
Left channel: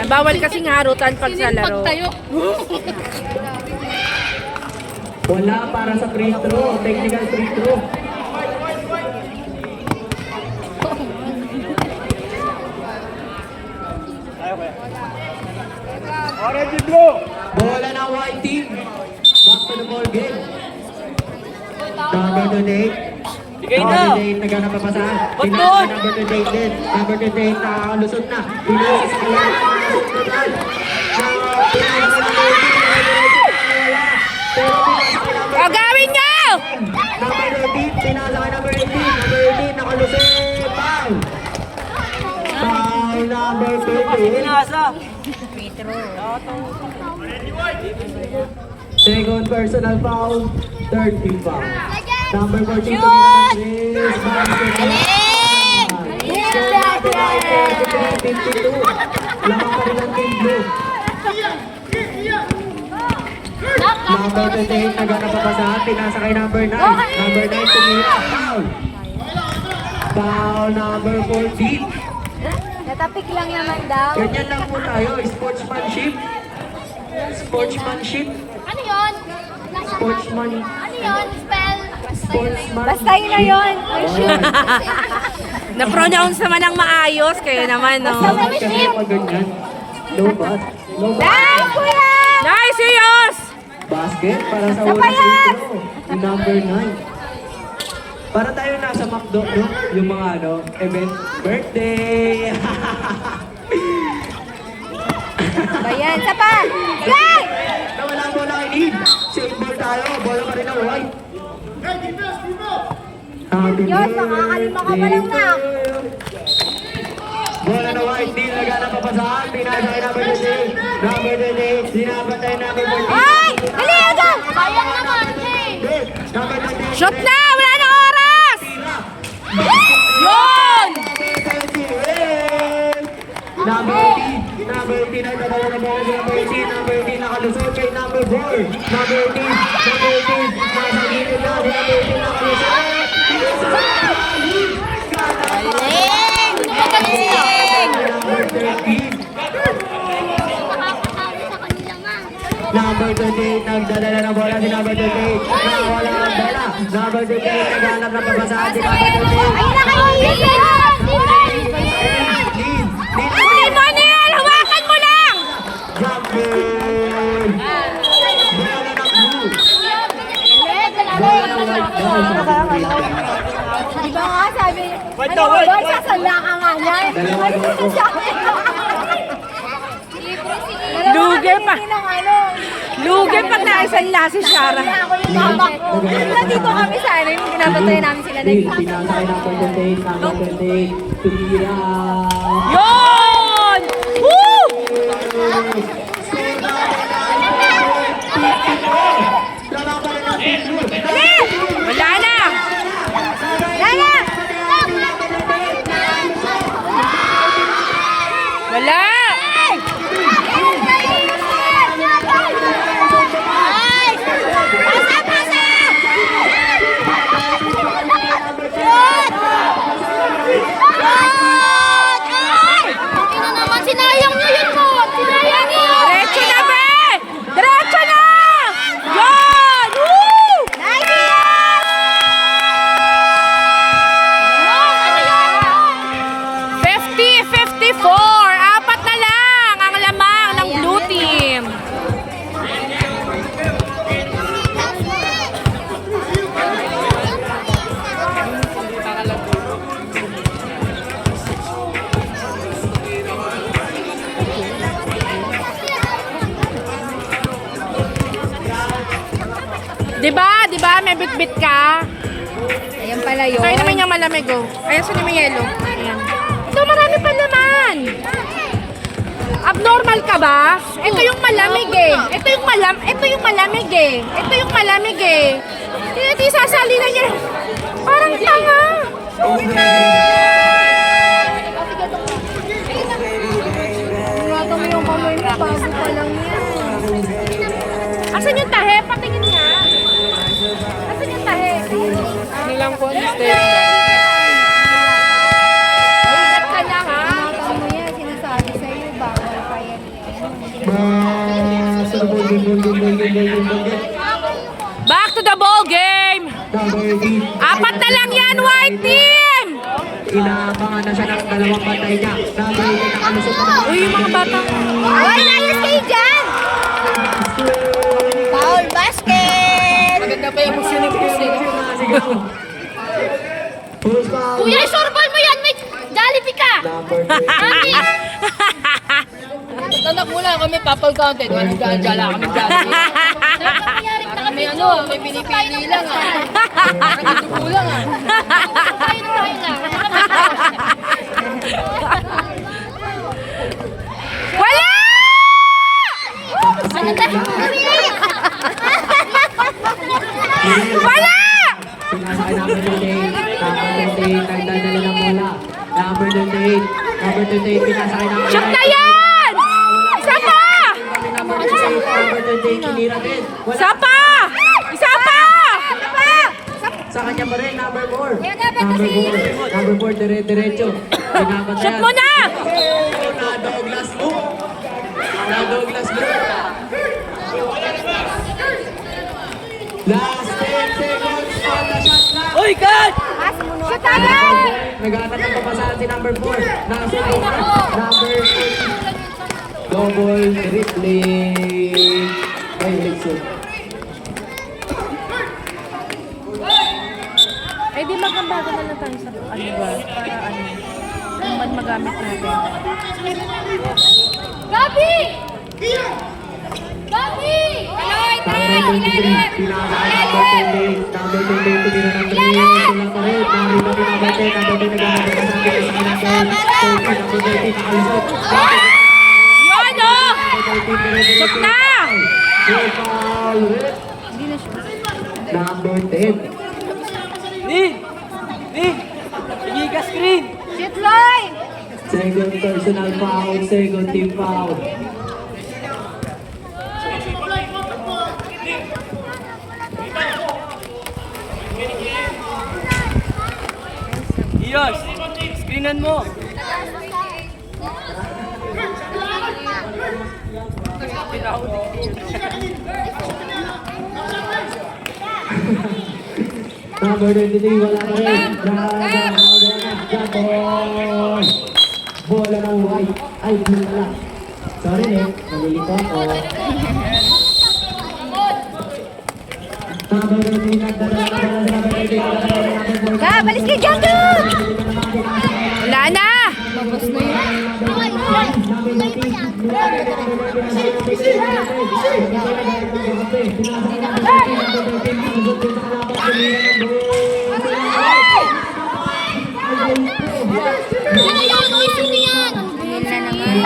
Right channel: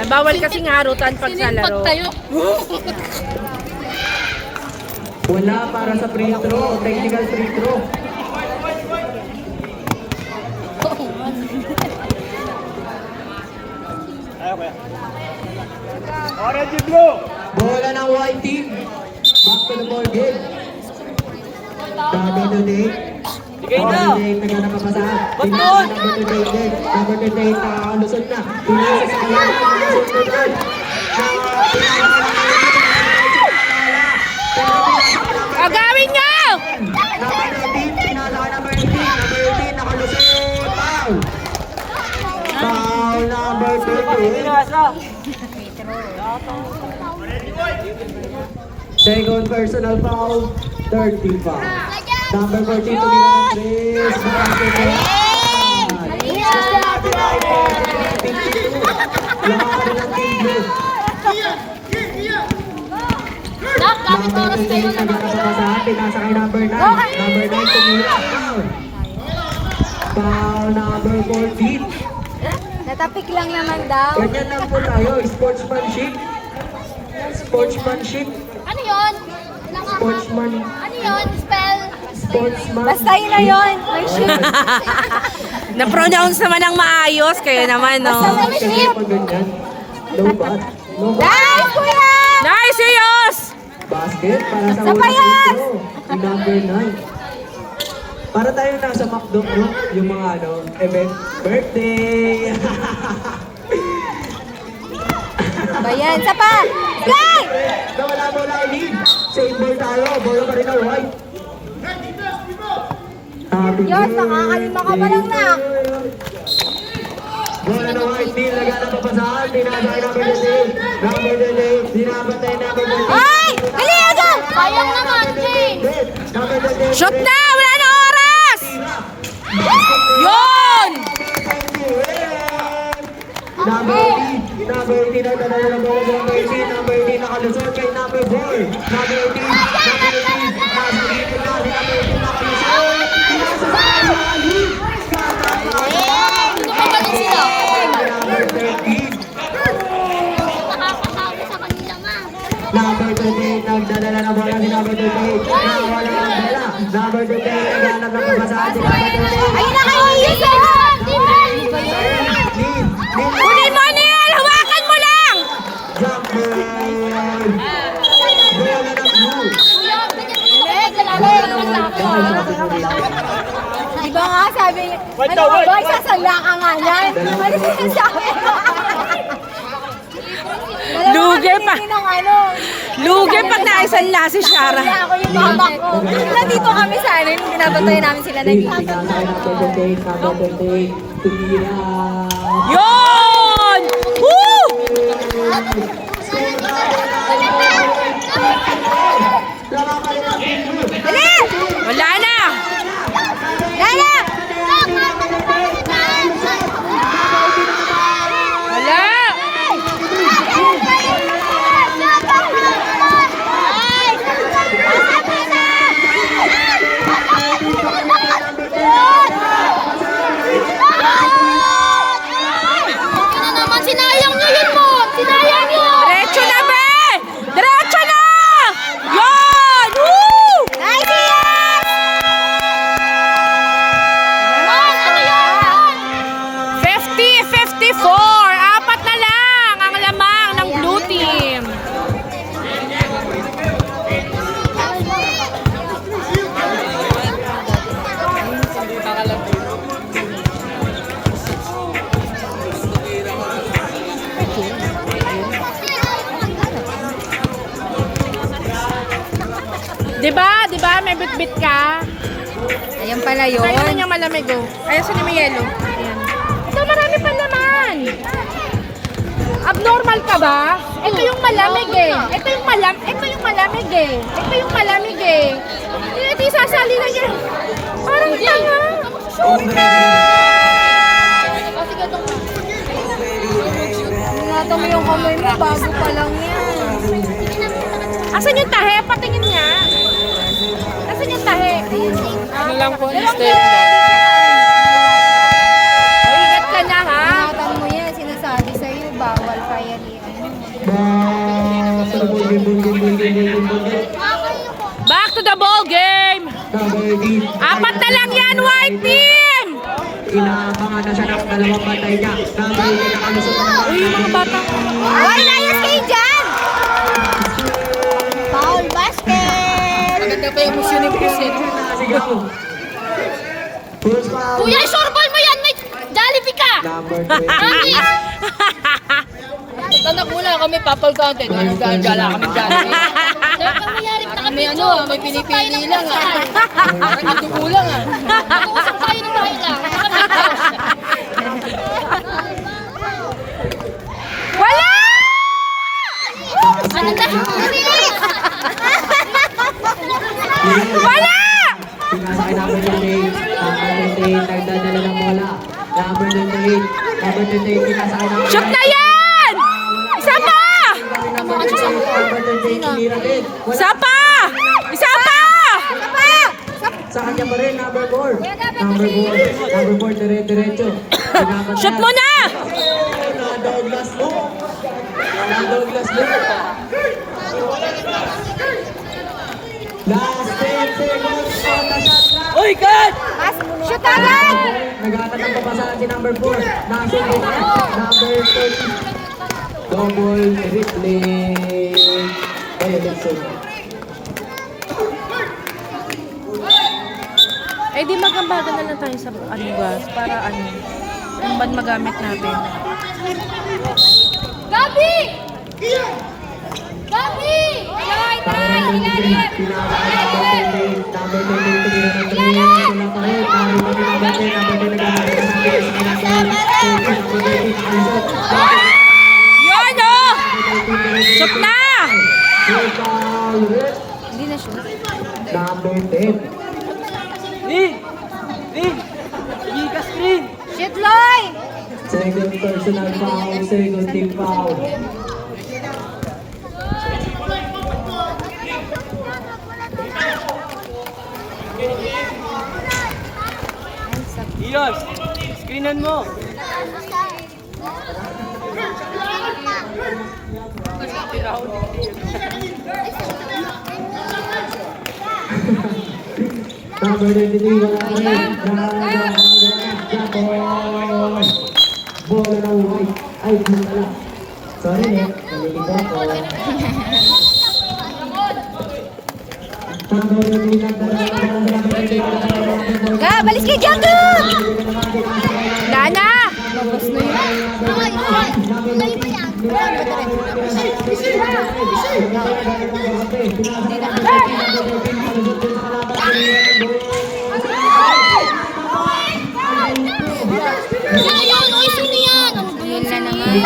Bawal kasing harutan pag sa laro. Tayo. Bola para sa free throw. Technical free throw. Orange and blue. Bola ng white team. Basketball game. Number 28. Number 28 naghanap pa pasahan. Pinasa number 28 din. Number 28 nakalusot na. Pinasa sa kanya. O gawin niyo! Number 18. Pinasa ka number 18. Number 18 nakalusot. Foul. Foul number 28. Second personal foul, 30 foul. Number 14, tumingin ng Chris. Basketball. Score number 9, 43-52. Laman pa rin ang team blue. Number 28, naghanap pa pasahan. Pinasa kay number 9. Number 9, tumingin. Foul. Foul number 14. Natapik lang naman daw. Ganyan lang po tayo, sportsmanship. Sportsmanship. Ano yun? Sportsman. Ano yun? Spell? Sportsman. Basta yun na yun. Ay, shit. Na-pronounce naman ng maayos, kaya naman, no? Bakit kasi pag ganyan? No bat? No bat? Nice, kuya! Nice, Yos! Basket para sa unang free throw. Yung number 9. Para tayo nasa McDo, yung mga ano, event. Birthday! Bayan, sa pa! Play! Nawala po na lead. Sa indoor tayo, bola pa rin ang white. Happy Diyos, nakakalima ka pa lang na. Bola na white, di naghanap pa pasahan. Pinasa kay number 28. Number 28, dinapatay number 14. Ay! Dali, agad! Sayang naman, Jay! Number 28. Shoot na! Wala na oras! Yun! Number 18. Number 18 ang dadala ng bola. Number 18. Number 18 nakalusot kay number 4. Number 18. Number 18. Nasa gilid na. Number 18 nakalusot. Nakagaling sila. Number 13. Nakakasabi sa kanila nga. Number 28 nagdadala ng bola si number 28. Nakawala ng bola. Number 28 naghanap ng pagbasahan si number 28. Lead. Huli mo, Neil! Hawakan mo lang! Jumping! Bola ng blue. Di ba nga sabi, Wait daw, wait, boy, sasala ka nga yan. Ano sinasabi? Lugi pa. Ng ano, Lugi pag naisanla si Shara. ako yung mama ko. Nandito kami sa ano, yung pinapatay namin sila. Lead. Pinasa ng 28. Number 28. Tumira. Yun! Woo! Wala na! Wala! Diba? May bit-bit ka. Ayan pala yun. Kaya naman yung malamig, oh. Ayan, saan yung may yelo? Ayan. Ito, marami pa naman. Abnormal ka ba? Ito yung malamig eh. Ito yung malamig eh. Kaya di sasali na niya. Parang tanga. Ingatan mo yung kamay mo, bago pa lang yan. Asan yung tahe? Patingin niya. Asan yung tahe? Ano lang po yung step. Ingat ka na, ha? Ingatan mo yan, sinasabi sa'yo, bawal pa yan. Back to the ball game. Apat na lang yan, white team. Inaabangan na siya ng dalawang bantay niya. Number 8 nakalusot na naman. Uy, yung mga bata. Ay, layas kayo dyan! Foul basket! Maganda pa yung motion ni Chris eh. Sigaw. Push foul. Kuya, isurbal mo yan! May Jollibee ka! Number 20. Tanak muna kami papal counted. Anong gala kami dyan. May may pinipili lang ah. Kulang ah. Usap tayo ng right lang. Wala! Ano ba? Wala! Pinasay number 28. Number 28 nagdadala ng bola. Number 28. Number 28 pinasay number 28. Shoot na yan! Isa pa! Number 28 tinira din. Isa pa! Isa pa! Sa kanya pa rin, number 4. Number 4, dire-diretso. Shoot mo na! Na Douglas Luke. Last 10 seconds on the shot clock. Uy, God! Shoot agad! Naghahanap ng papasahan si number 4. Nasulit na. Number 30. Double dribbling. Ayun, Nixon. Eh di magambaga na lang tayo sa gas para ang magamit natin. Gabi! Gabi! Number 23. Pinakasahan number 28. Number 28. Tumira ng 3. Wala pa rin. Number 10. Number 10 naghahanap ng papasahan. Yan o! Shoot na! Number 10. Giga screen! Shoot, Loy! Second personal foul, second team foul. Iyos! Screenan mo! Number 23, wala pa rin. Bola ng white. Ay, blue pala. Sorry, no. Nalilito ako. Number 23, Ah, balis kayo dyan, go! Wala na! Babas na yun. Sino yan? Uy, sino yan? Yun na naman.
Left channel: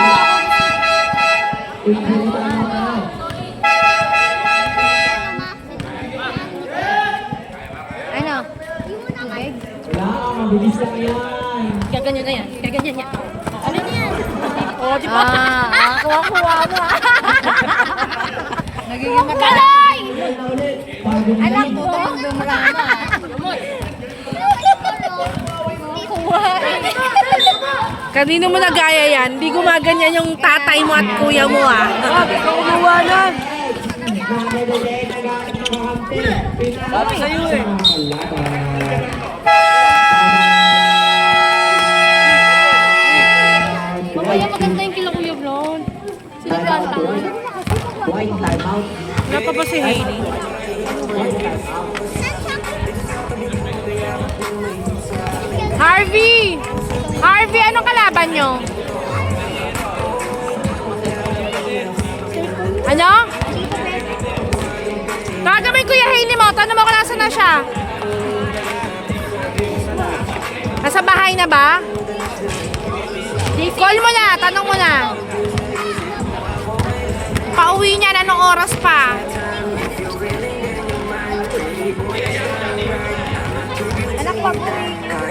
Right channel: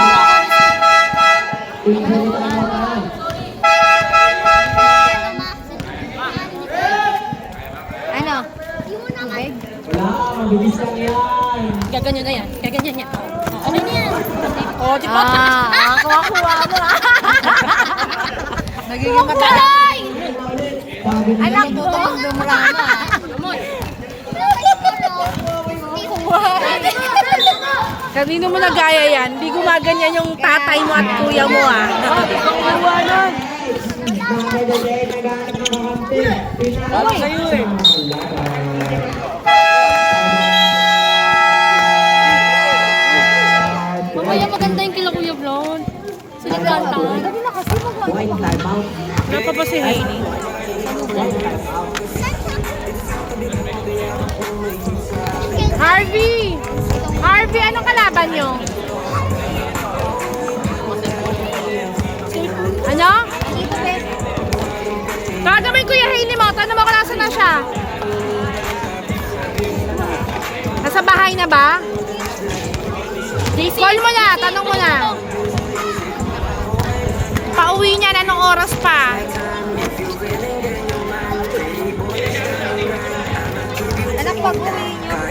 Ano? Tubig? Wala, mabilis lang yan. Gaganyan na yan. Gaganyan niya. Ano yan? Oh, di ba? Kuha-kuha mo ah. Nagiging matalay! Anak mo. Dumulama. Kuha. Kanino mo nagaya yan? Hindi gumaganyan yung tatay mo at kuya mo ah. Sabi sa'yo eh. Kaya maganda yung kila Kuya Brown. Time out, white. White, time out. Napa pa si Hailey. White, time out. Harvey! Harvey, anong kalaban nyo? Ano? Gagawin ko yung Hailey mo. Tanong mo kung nasa na siya. Nasa bahay na ba? Call mo na. Tanong mo na. Pauwi niya na anong oras pa? Anak, pag-uwi niyo.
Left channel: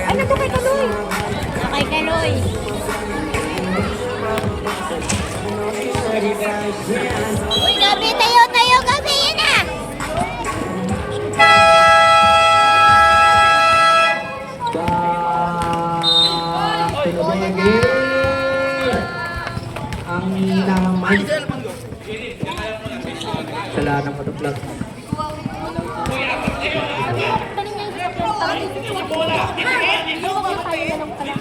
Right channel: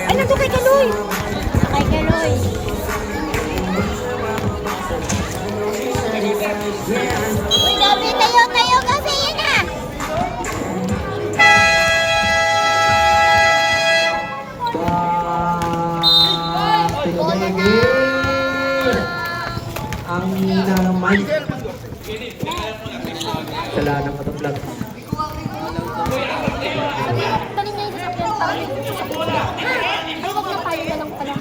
Ay, nandun kay Kaloy. Kay Kaloy. Uy, Gabi, tayo kasi yun ah. Back to the ball game. Ang hina ng mic. Sala ng patuplag. Tanim na yung sasakyan pa rin. Huwag mo kayo na lang pala.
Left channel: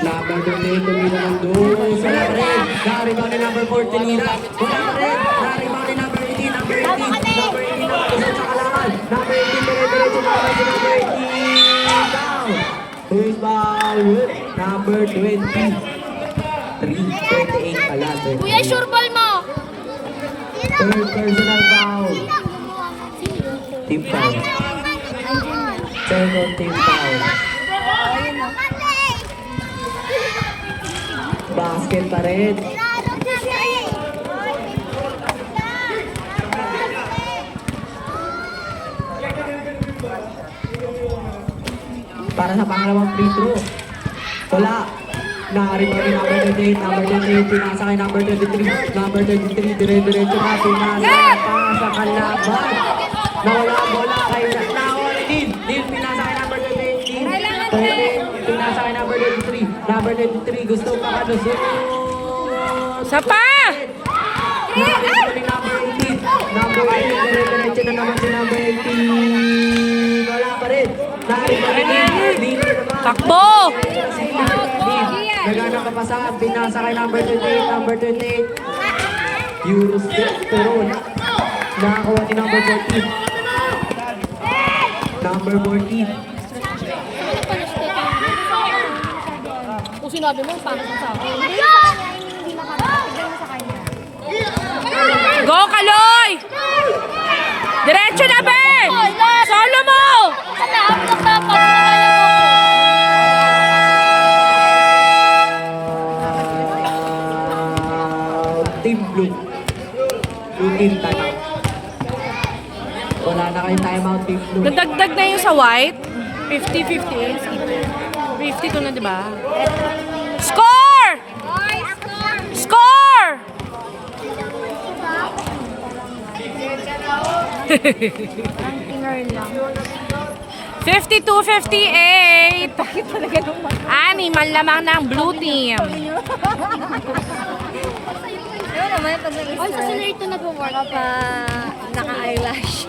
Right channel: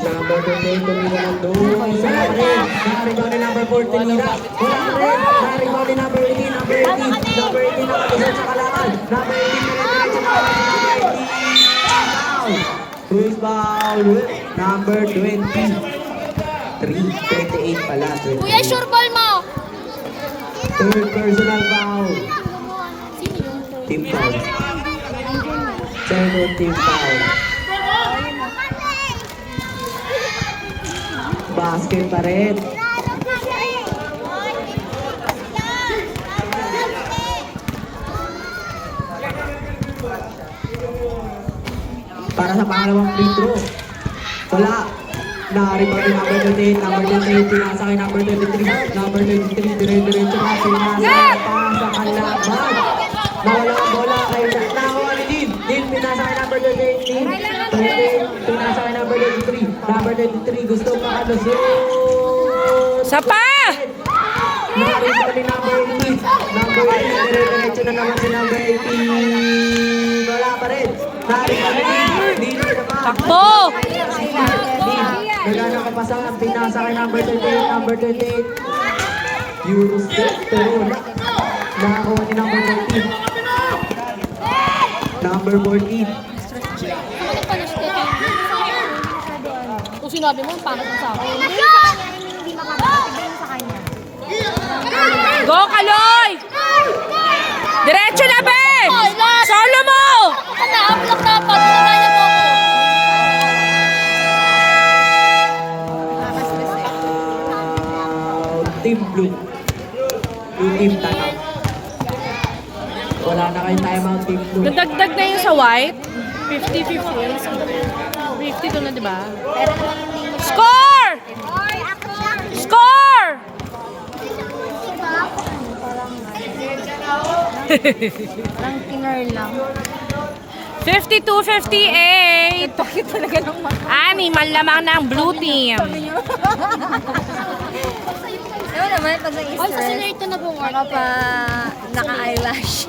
Number 28 doon sa red. Nari ba ni number 14 nila? Wala red. Nari ba ni number 18? Number 18. Number 18 kusot sa kalaban. Number 18 diretso para si number 18. Who's foul? Number 23. 28 pala. Kuya, sure ball mo. Third personal foul. Team foul. Second team foul. Basket pa rin. Para sa pangalawang free throw. Wala. Na-rebound ni number 28, number 28, pinasa kay number 23, number 23, dire-diretso pa, pinasa sa kalaban. Nawala ang bola kay nawala din, pinasa kay number 28, pinasa kay number 23, number 23, gusto na kalusot. Sapa! Nakita ni number 18, number 18, dire-diretso na naman si number 18. Wala pa rin, nakita ni dito na ba? Takbo! Nagana ka pa saan? Pinasa kay number 28, number 28. Eurostep to. Nakakuha ni number 14. Number 14. Bakit pa na-step? Kung sinabi mo, paano sa akin? Hindi sa kanya, hindi makapagod. Hindi sa kanya. Go, Kaloy! Diretso na, be! Solo mo! Tanaap lang dapat. Team Blue. Blue team timeout. Wala na kayong timeout, Team Blue. Nadagdag na yung sa white. 50-50. 52 na, di ba? Score! Score! Ang tinner lang. 52-58. Animal lamang ng blue team. Ano naman, ito sa Ay, sa Easter. sinurito na po, Mark. Pa naka-eyelash.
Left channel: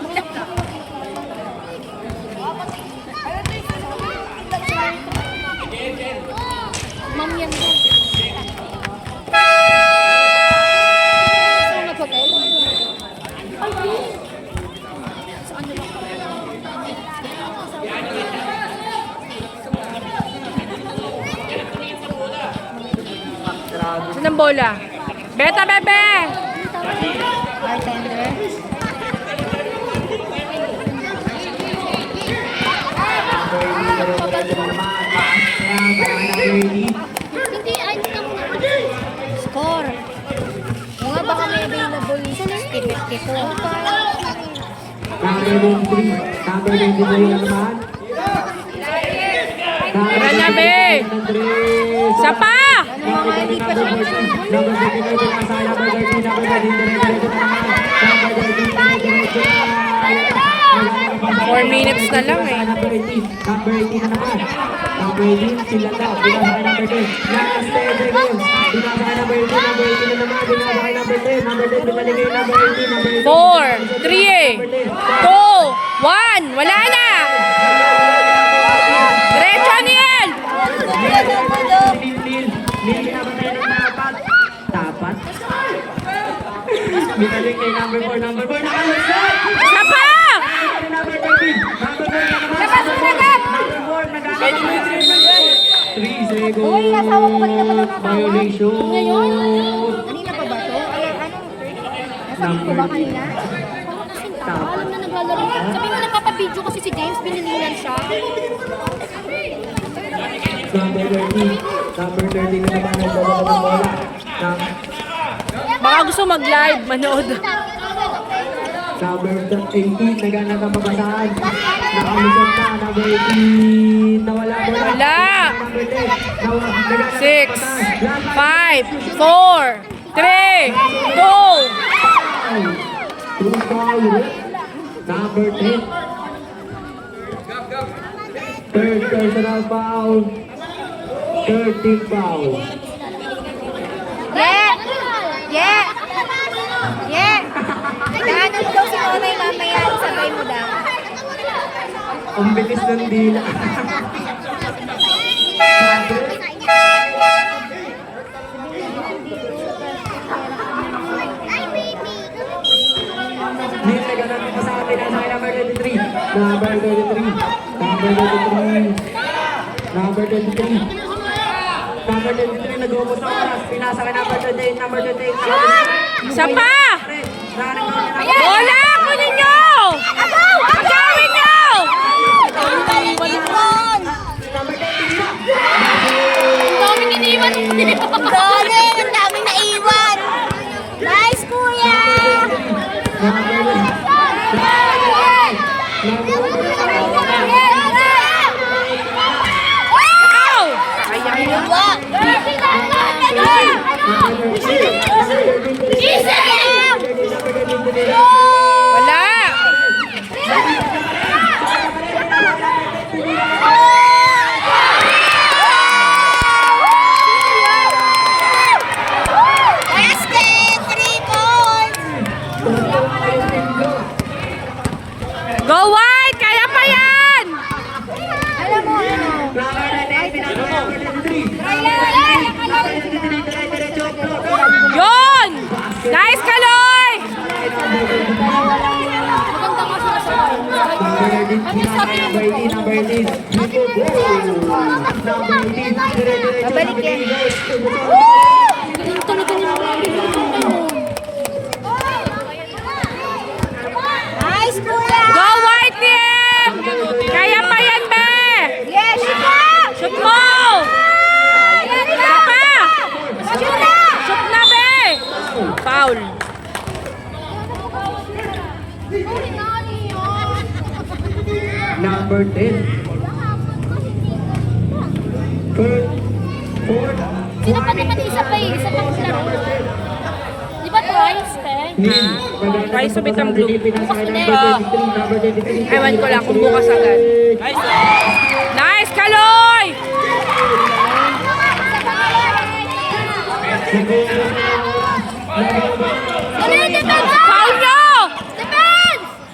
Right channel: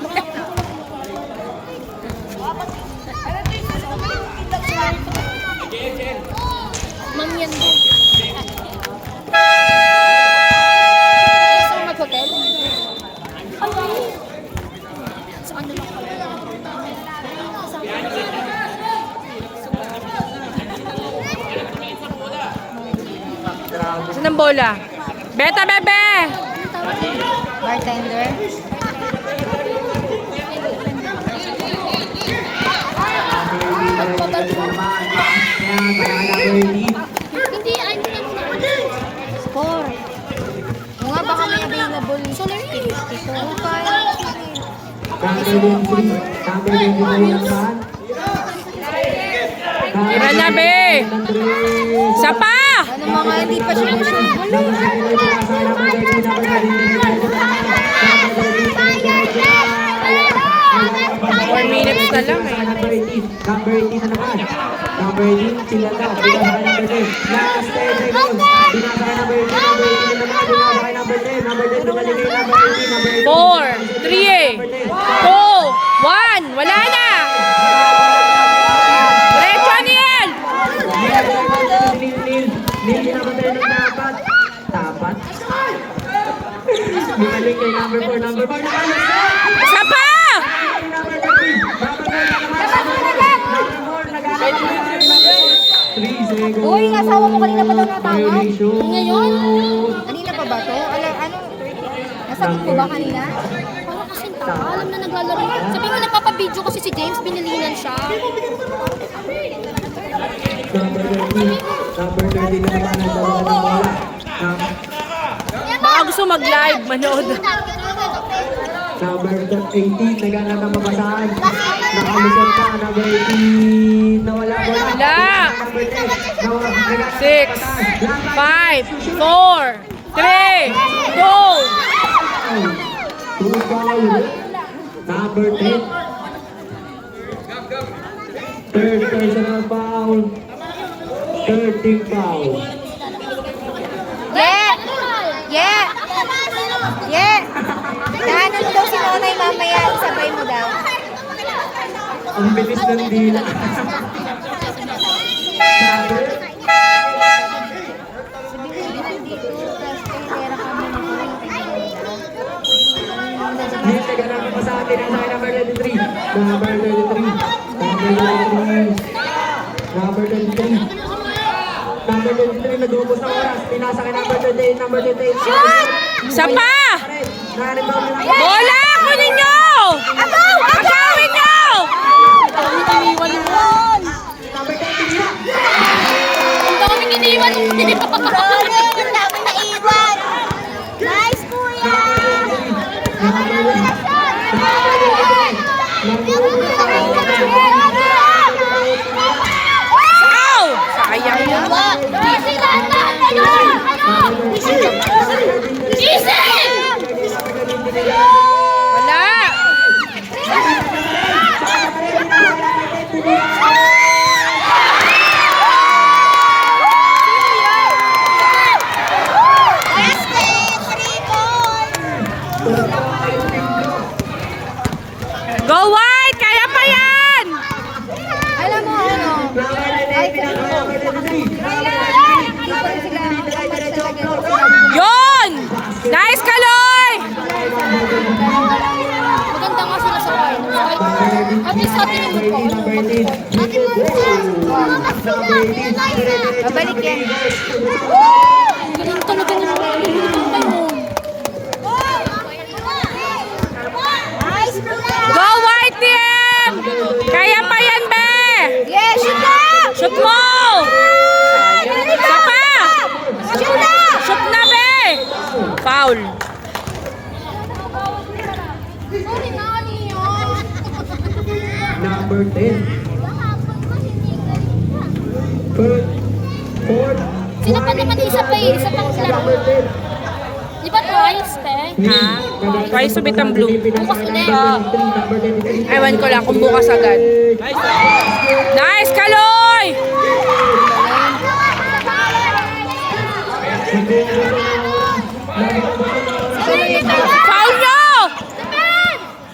Ma'am yan po. Saan na hotel? Saan na Saan ang bola? Beta, bebe! Bartender. Hindi, ay, hindi na po na. Score. O nga, baka may available ni 50-52. Number 23. Number 23 yan saan? Tira na, be! Sapa! Ano mga hindi pa siya Number 23 pinasa kay number 19, number 19, diretso na naman. Number 4 minutes na lang eh. Number 18. Number 18 na naman. Number 18, sila na. Binasa kay number 10. Last 10 seconds. Binasa kay number 18. Number 18 na naman. Binasa kay number 10. Number 10 bumalik kay number 18. Number 18. 4, 3, 2, 1. Wala na! Diretso, Aniel! Nil pinapatay ng tapat. Tapat. Binalik kay number 4. Number 4 na kalusot. Sapa! Number 13. Number 3 seconds. Uy, kasama mo kanina pa daw nakakawa. Violation. Ngayon? Ano sagot ko ba kanina? Alam na naglalaro. Sabi mo nagpapabideo kasi si James, binilinan siya. Number 30 na naman ang bola. Baka gusto mag-live, manood. Number 18, nagana ng mabasahan. Nakalisod pa, number 18. Nawala ko na. Wala. Number 10. 6, 5, 4, 3, 2. Two foul. Number 10. Third personal foul. 13 foul. Yeah! Yeah! Yeah! Naanan daw si Nanay mamaya. Sabay mo daw. Ang bilis ng dila. Hindi ka na pa sa atin. Nasa number 23. Number 23. Number 23. Number 23. Number 23. Nagubos na oras. Pinasa ka number 28. Number 28. Isa pa! Bola! Kunin nyo! Pagkain nyo! Ang daming iniwan. Ang dami naiwan. Nice, kuya! Ow! Sayang yun. Wala! Go White! Kaya pa yan! Alam mo, Yun! Nice, Kaloy! Magandang masasabay. Kami sa atin ang babalik yan. galing talaga nila. Nice, kuya! Go White team! Kaya pa yan, be! Yeah, shoot lang! Shoot mo! Isa pa! Shoot lang! Shoot na, be! Foul. Number 10. Third. Fourth. Sino pa naman isa pa eh? Isa pa sila. Di ba twice, Teng? Twice subit ang blue. Bukas ulit. Ewan ko lang kung bukas agad. Nice, Kaloy! Foul nyo!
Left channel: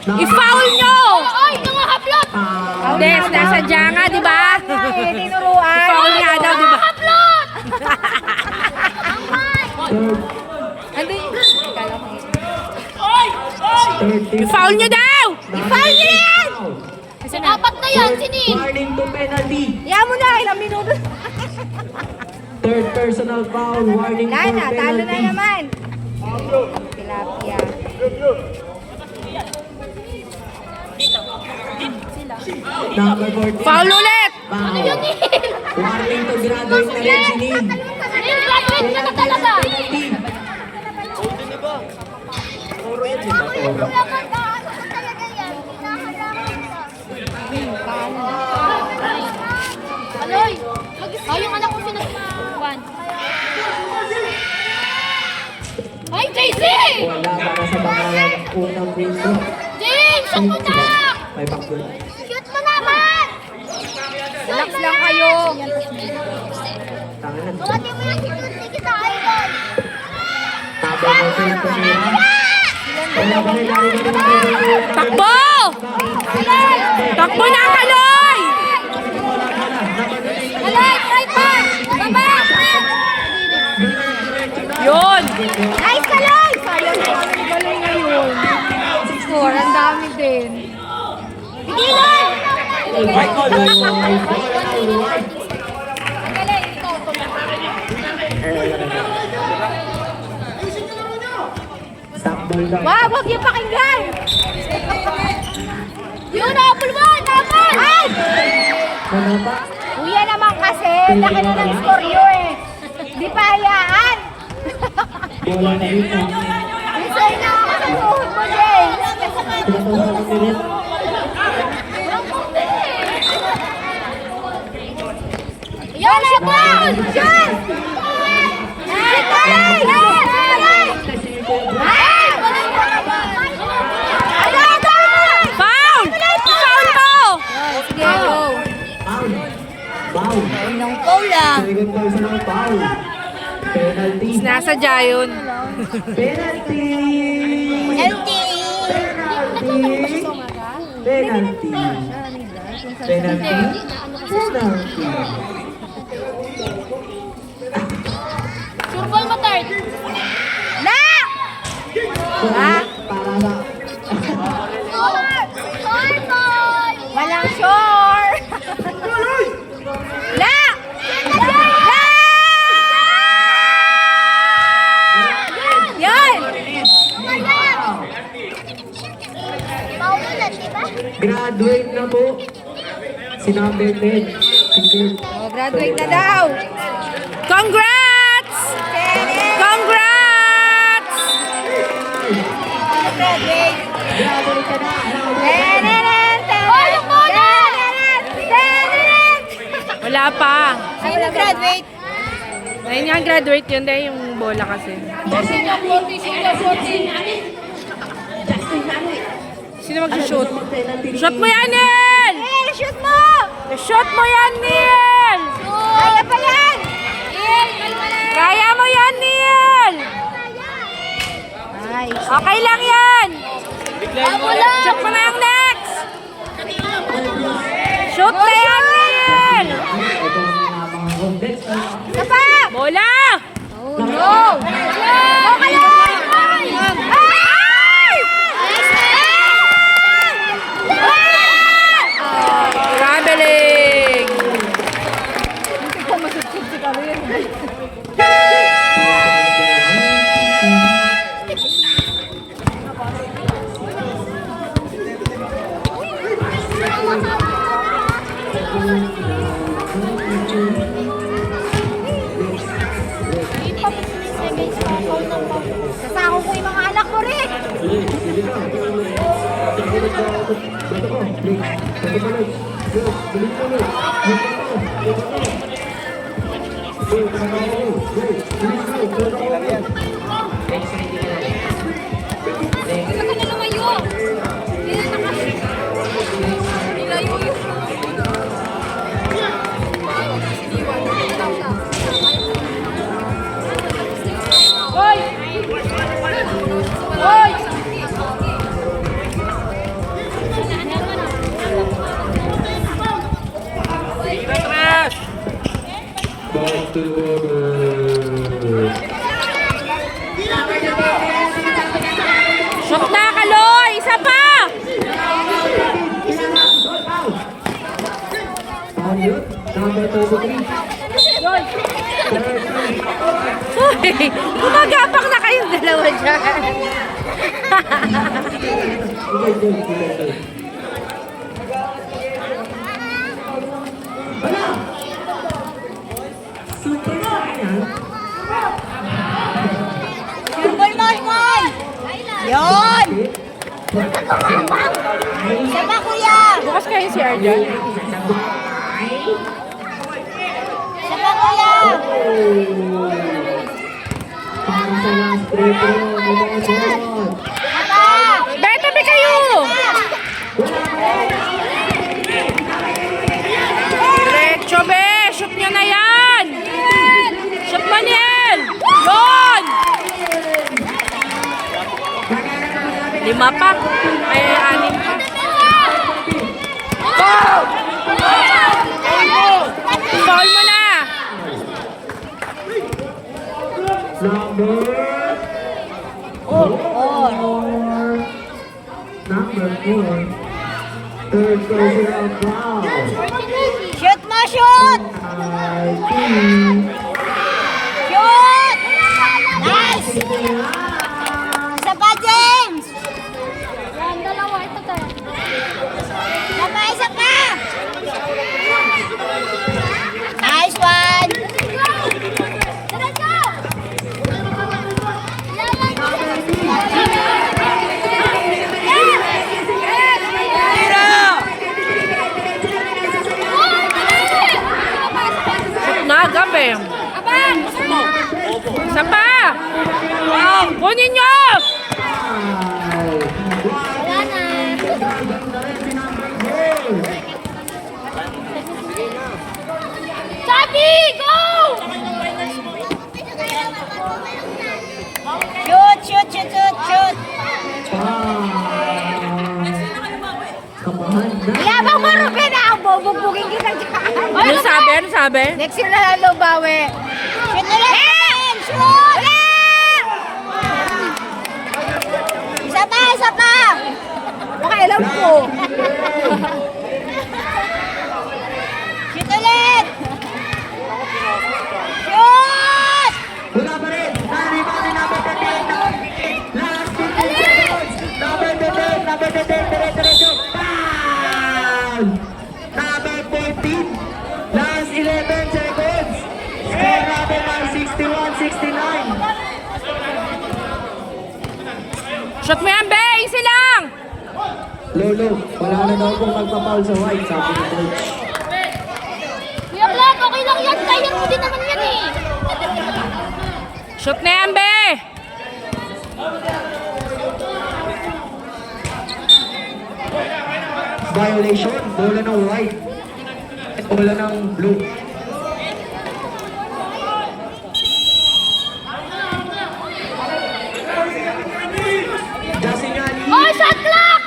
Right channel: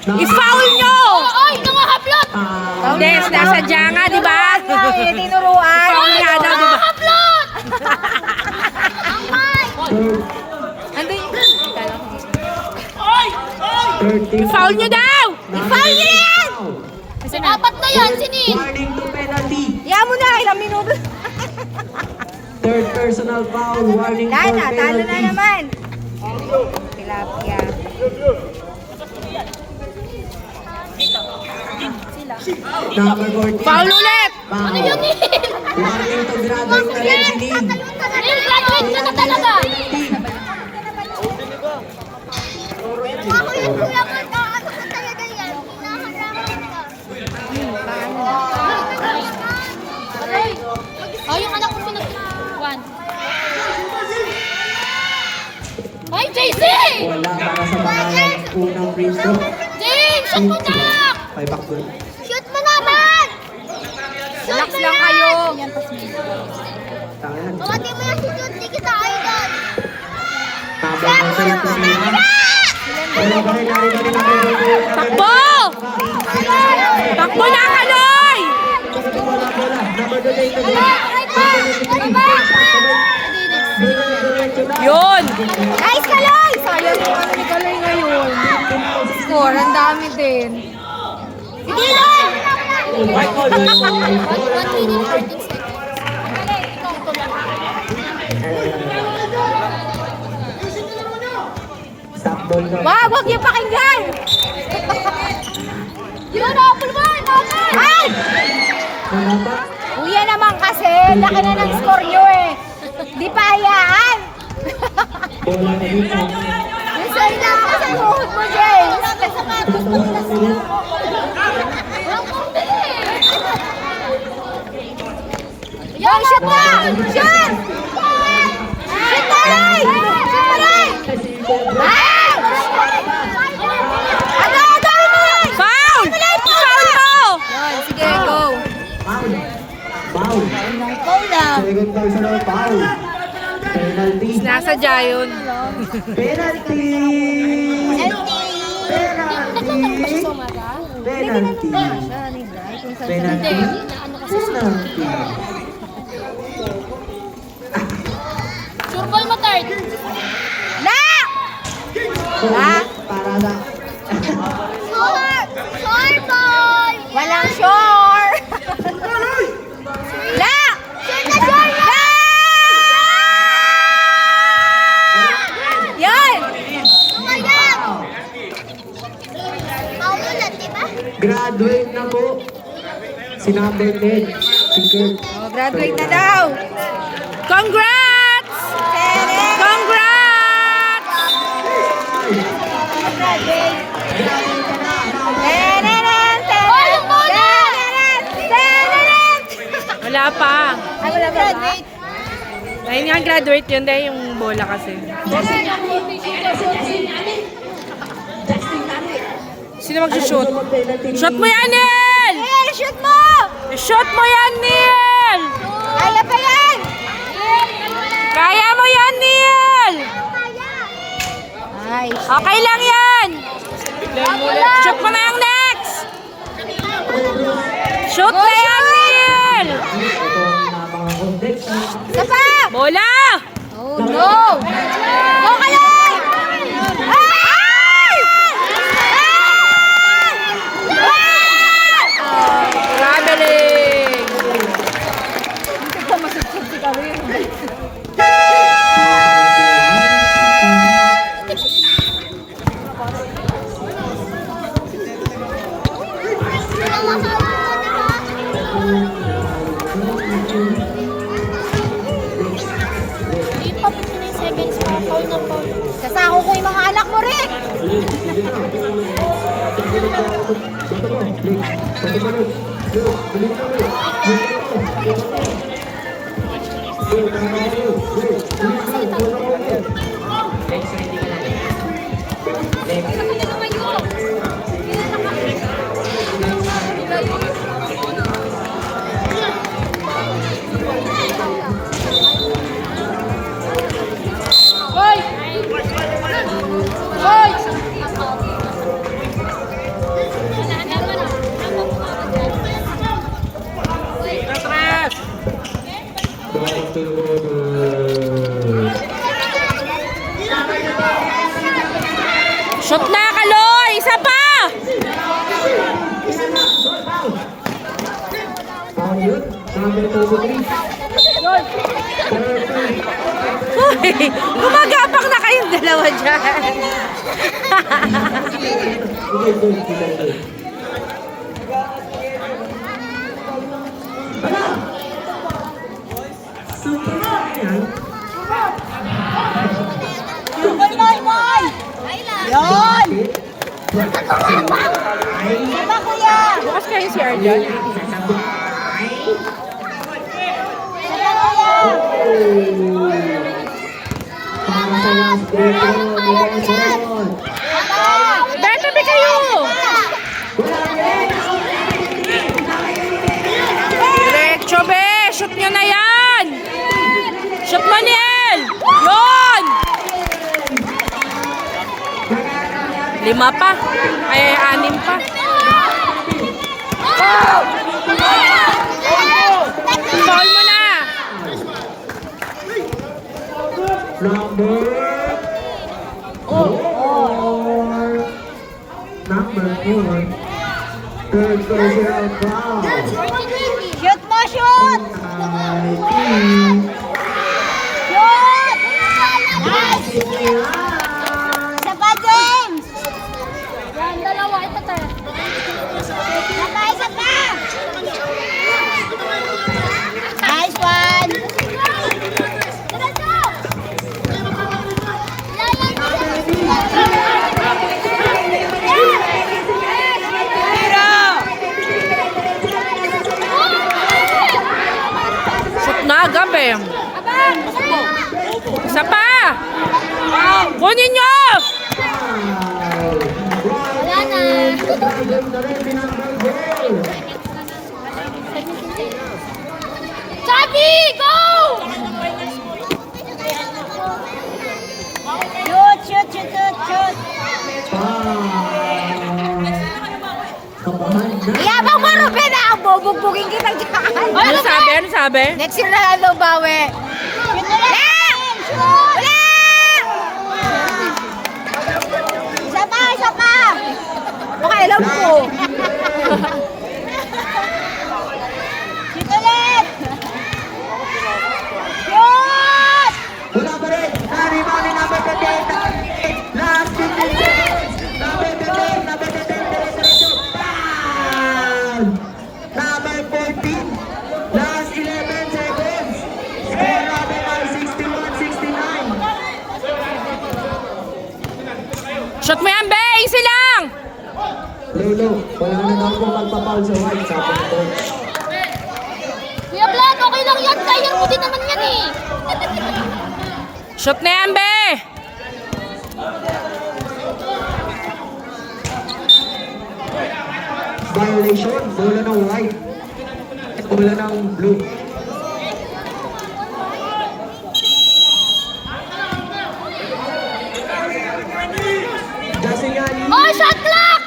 I-foul nyo! Ay, mga haplot! Des, nasadya nga, di ba? Tinuruan. Foul nga daw, di ba? Ano yung... Kala ko. I-foul nyo daw! I-foul nyo yan! Apat na yan, sinin! Warning to penalty. Yan mo na, ilang minuto. Third personal foul. Warning for Dana, talo na penalty. naman. Tilapia. Number 14. Foul ulit! Foul. Warning to graduate na rin si Nin. Nag-graduate ka na talaga! Aloy! Ay, yung anak ko pinag-one. Ay, JC! Wala para sa mga unang free throw. James, shoot mo na! May backdoor. Shoot mo naman! Relax lang kayo. Tangan. Dumating mo yung shoot, hindi kita idol! Number 14 po nila. Takbo! Takbo na, Kaloy! Yun! Nice, Kaloy! Sayang na ni Kaloy ngayon. Score, ang dami din. Stop Ball na. Wag, huwag yung pakinggan! Yun, apple mo! Apple! Ay! Wala pa. Kuya naman kasi, laki na ng score nyo eh. Di pa hayaan. Bola na dito. Isay na ako sa uhod mo, James. Pinatawag ang minute. Yan, shoot na! Shoot! Shoot na lang! Shoot na lang! Ah! Ang dami mo yan! Foul! Foul mo! Sige, go. Foul. Foul. Second personal foul. Penalty. Nasadya yun. Penalty. Penalty. Penalty. Penalty. Surbal mo, third. Na! Para na. Walang sure! La! La! Yan! Graduate na po. Si number 10. Si Kurt. Oh, graduate na daw. Congrats! Kenneth! Congrats! Tanaran! Tanaran! Tanaran! Tanaran! Wala pa. Ay, graduate. Ayun nga, graduate yun dahil yung bola kasi. Sino mag-shoot? Shoot mo yan, Nel! Neil, shoot mo! Shoot mo yan, Nel! Kaya pa yan! Kaya mo yan, Nel! Nice. Okay lang yan! Shoot mo na yung next! Shoot na yan, Nel! Sapa! Bola! Go! Go kayo! Ay! Traveling! Kasama ko yung mga anak mo rin! Shoot na, Kaloy! Isa pa! Gumagapak na kayong dalawa dyan. Yun! Sapa, kuya! Bukas kayo si Arjan. Sapa, kuya! Para sa last break round, Beto, di kayo! Diretso, be! Shoot nyo na yan! Shoot mo, Niel! Yun! 5 pa. Ay, 6 pa. Foul mo na! number number 4. Third personal foul. Shoot mo, shoot! Shoot! Nice! Sapa, Jay! Chubby, go! Shoot. Kapahan na. Yabang mo, Ruben, ah! Bubugbugin kita dyan. Ano sabi? Ano sabi? Next year na lang daw bawi. Shoot na lang! Wala! Isa pa! Baka alam ko. Shoot ulit! Shoot! Wala pa rin. Nari, number 28. Last 15 seconds. Number 28. Diretso. Bang! Number 14. Last 11 seconds. Score natin ay 61-69. Shot mo yan, be! Easy lang! Lelo, wala na daw kung magpapaul sa white, sabi ni coach. Kuya Black, okay lang yan. Kaya mo din naman yan eh. Shot na yan, be! Violation, bola ng white. Bola ng blue. Jasinani. Oh, shot clock!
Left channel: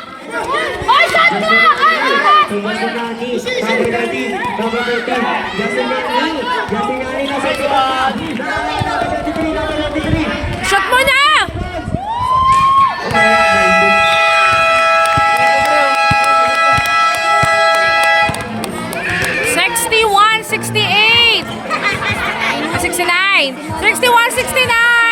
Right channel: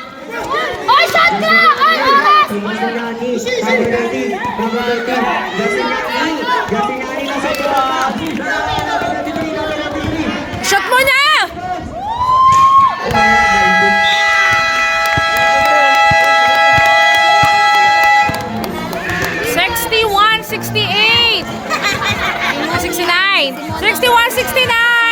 Oh, shot clock! Ay, bilis! Jasinani. Number 19. Number 13. Jasinani. Jasinani nasa tuwa. Number 23. Shot mo na! (61-68) 69 (61-69)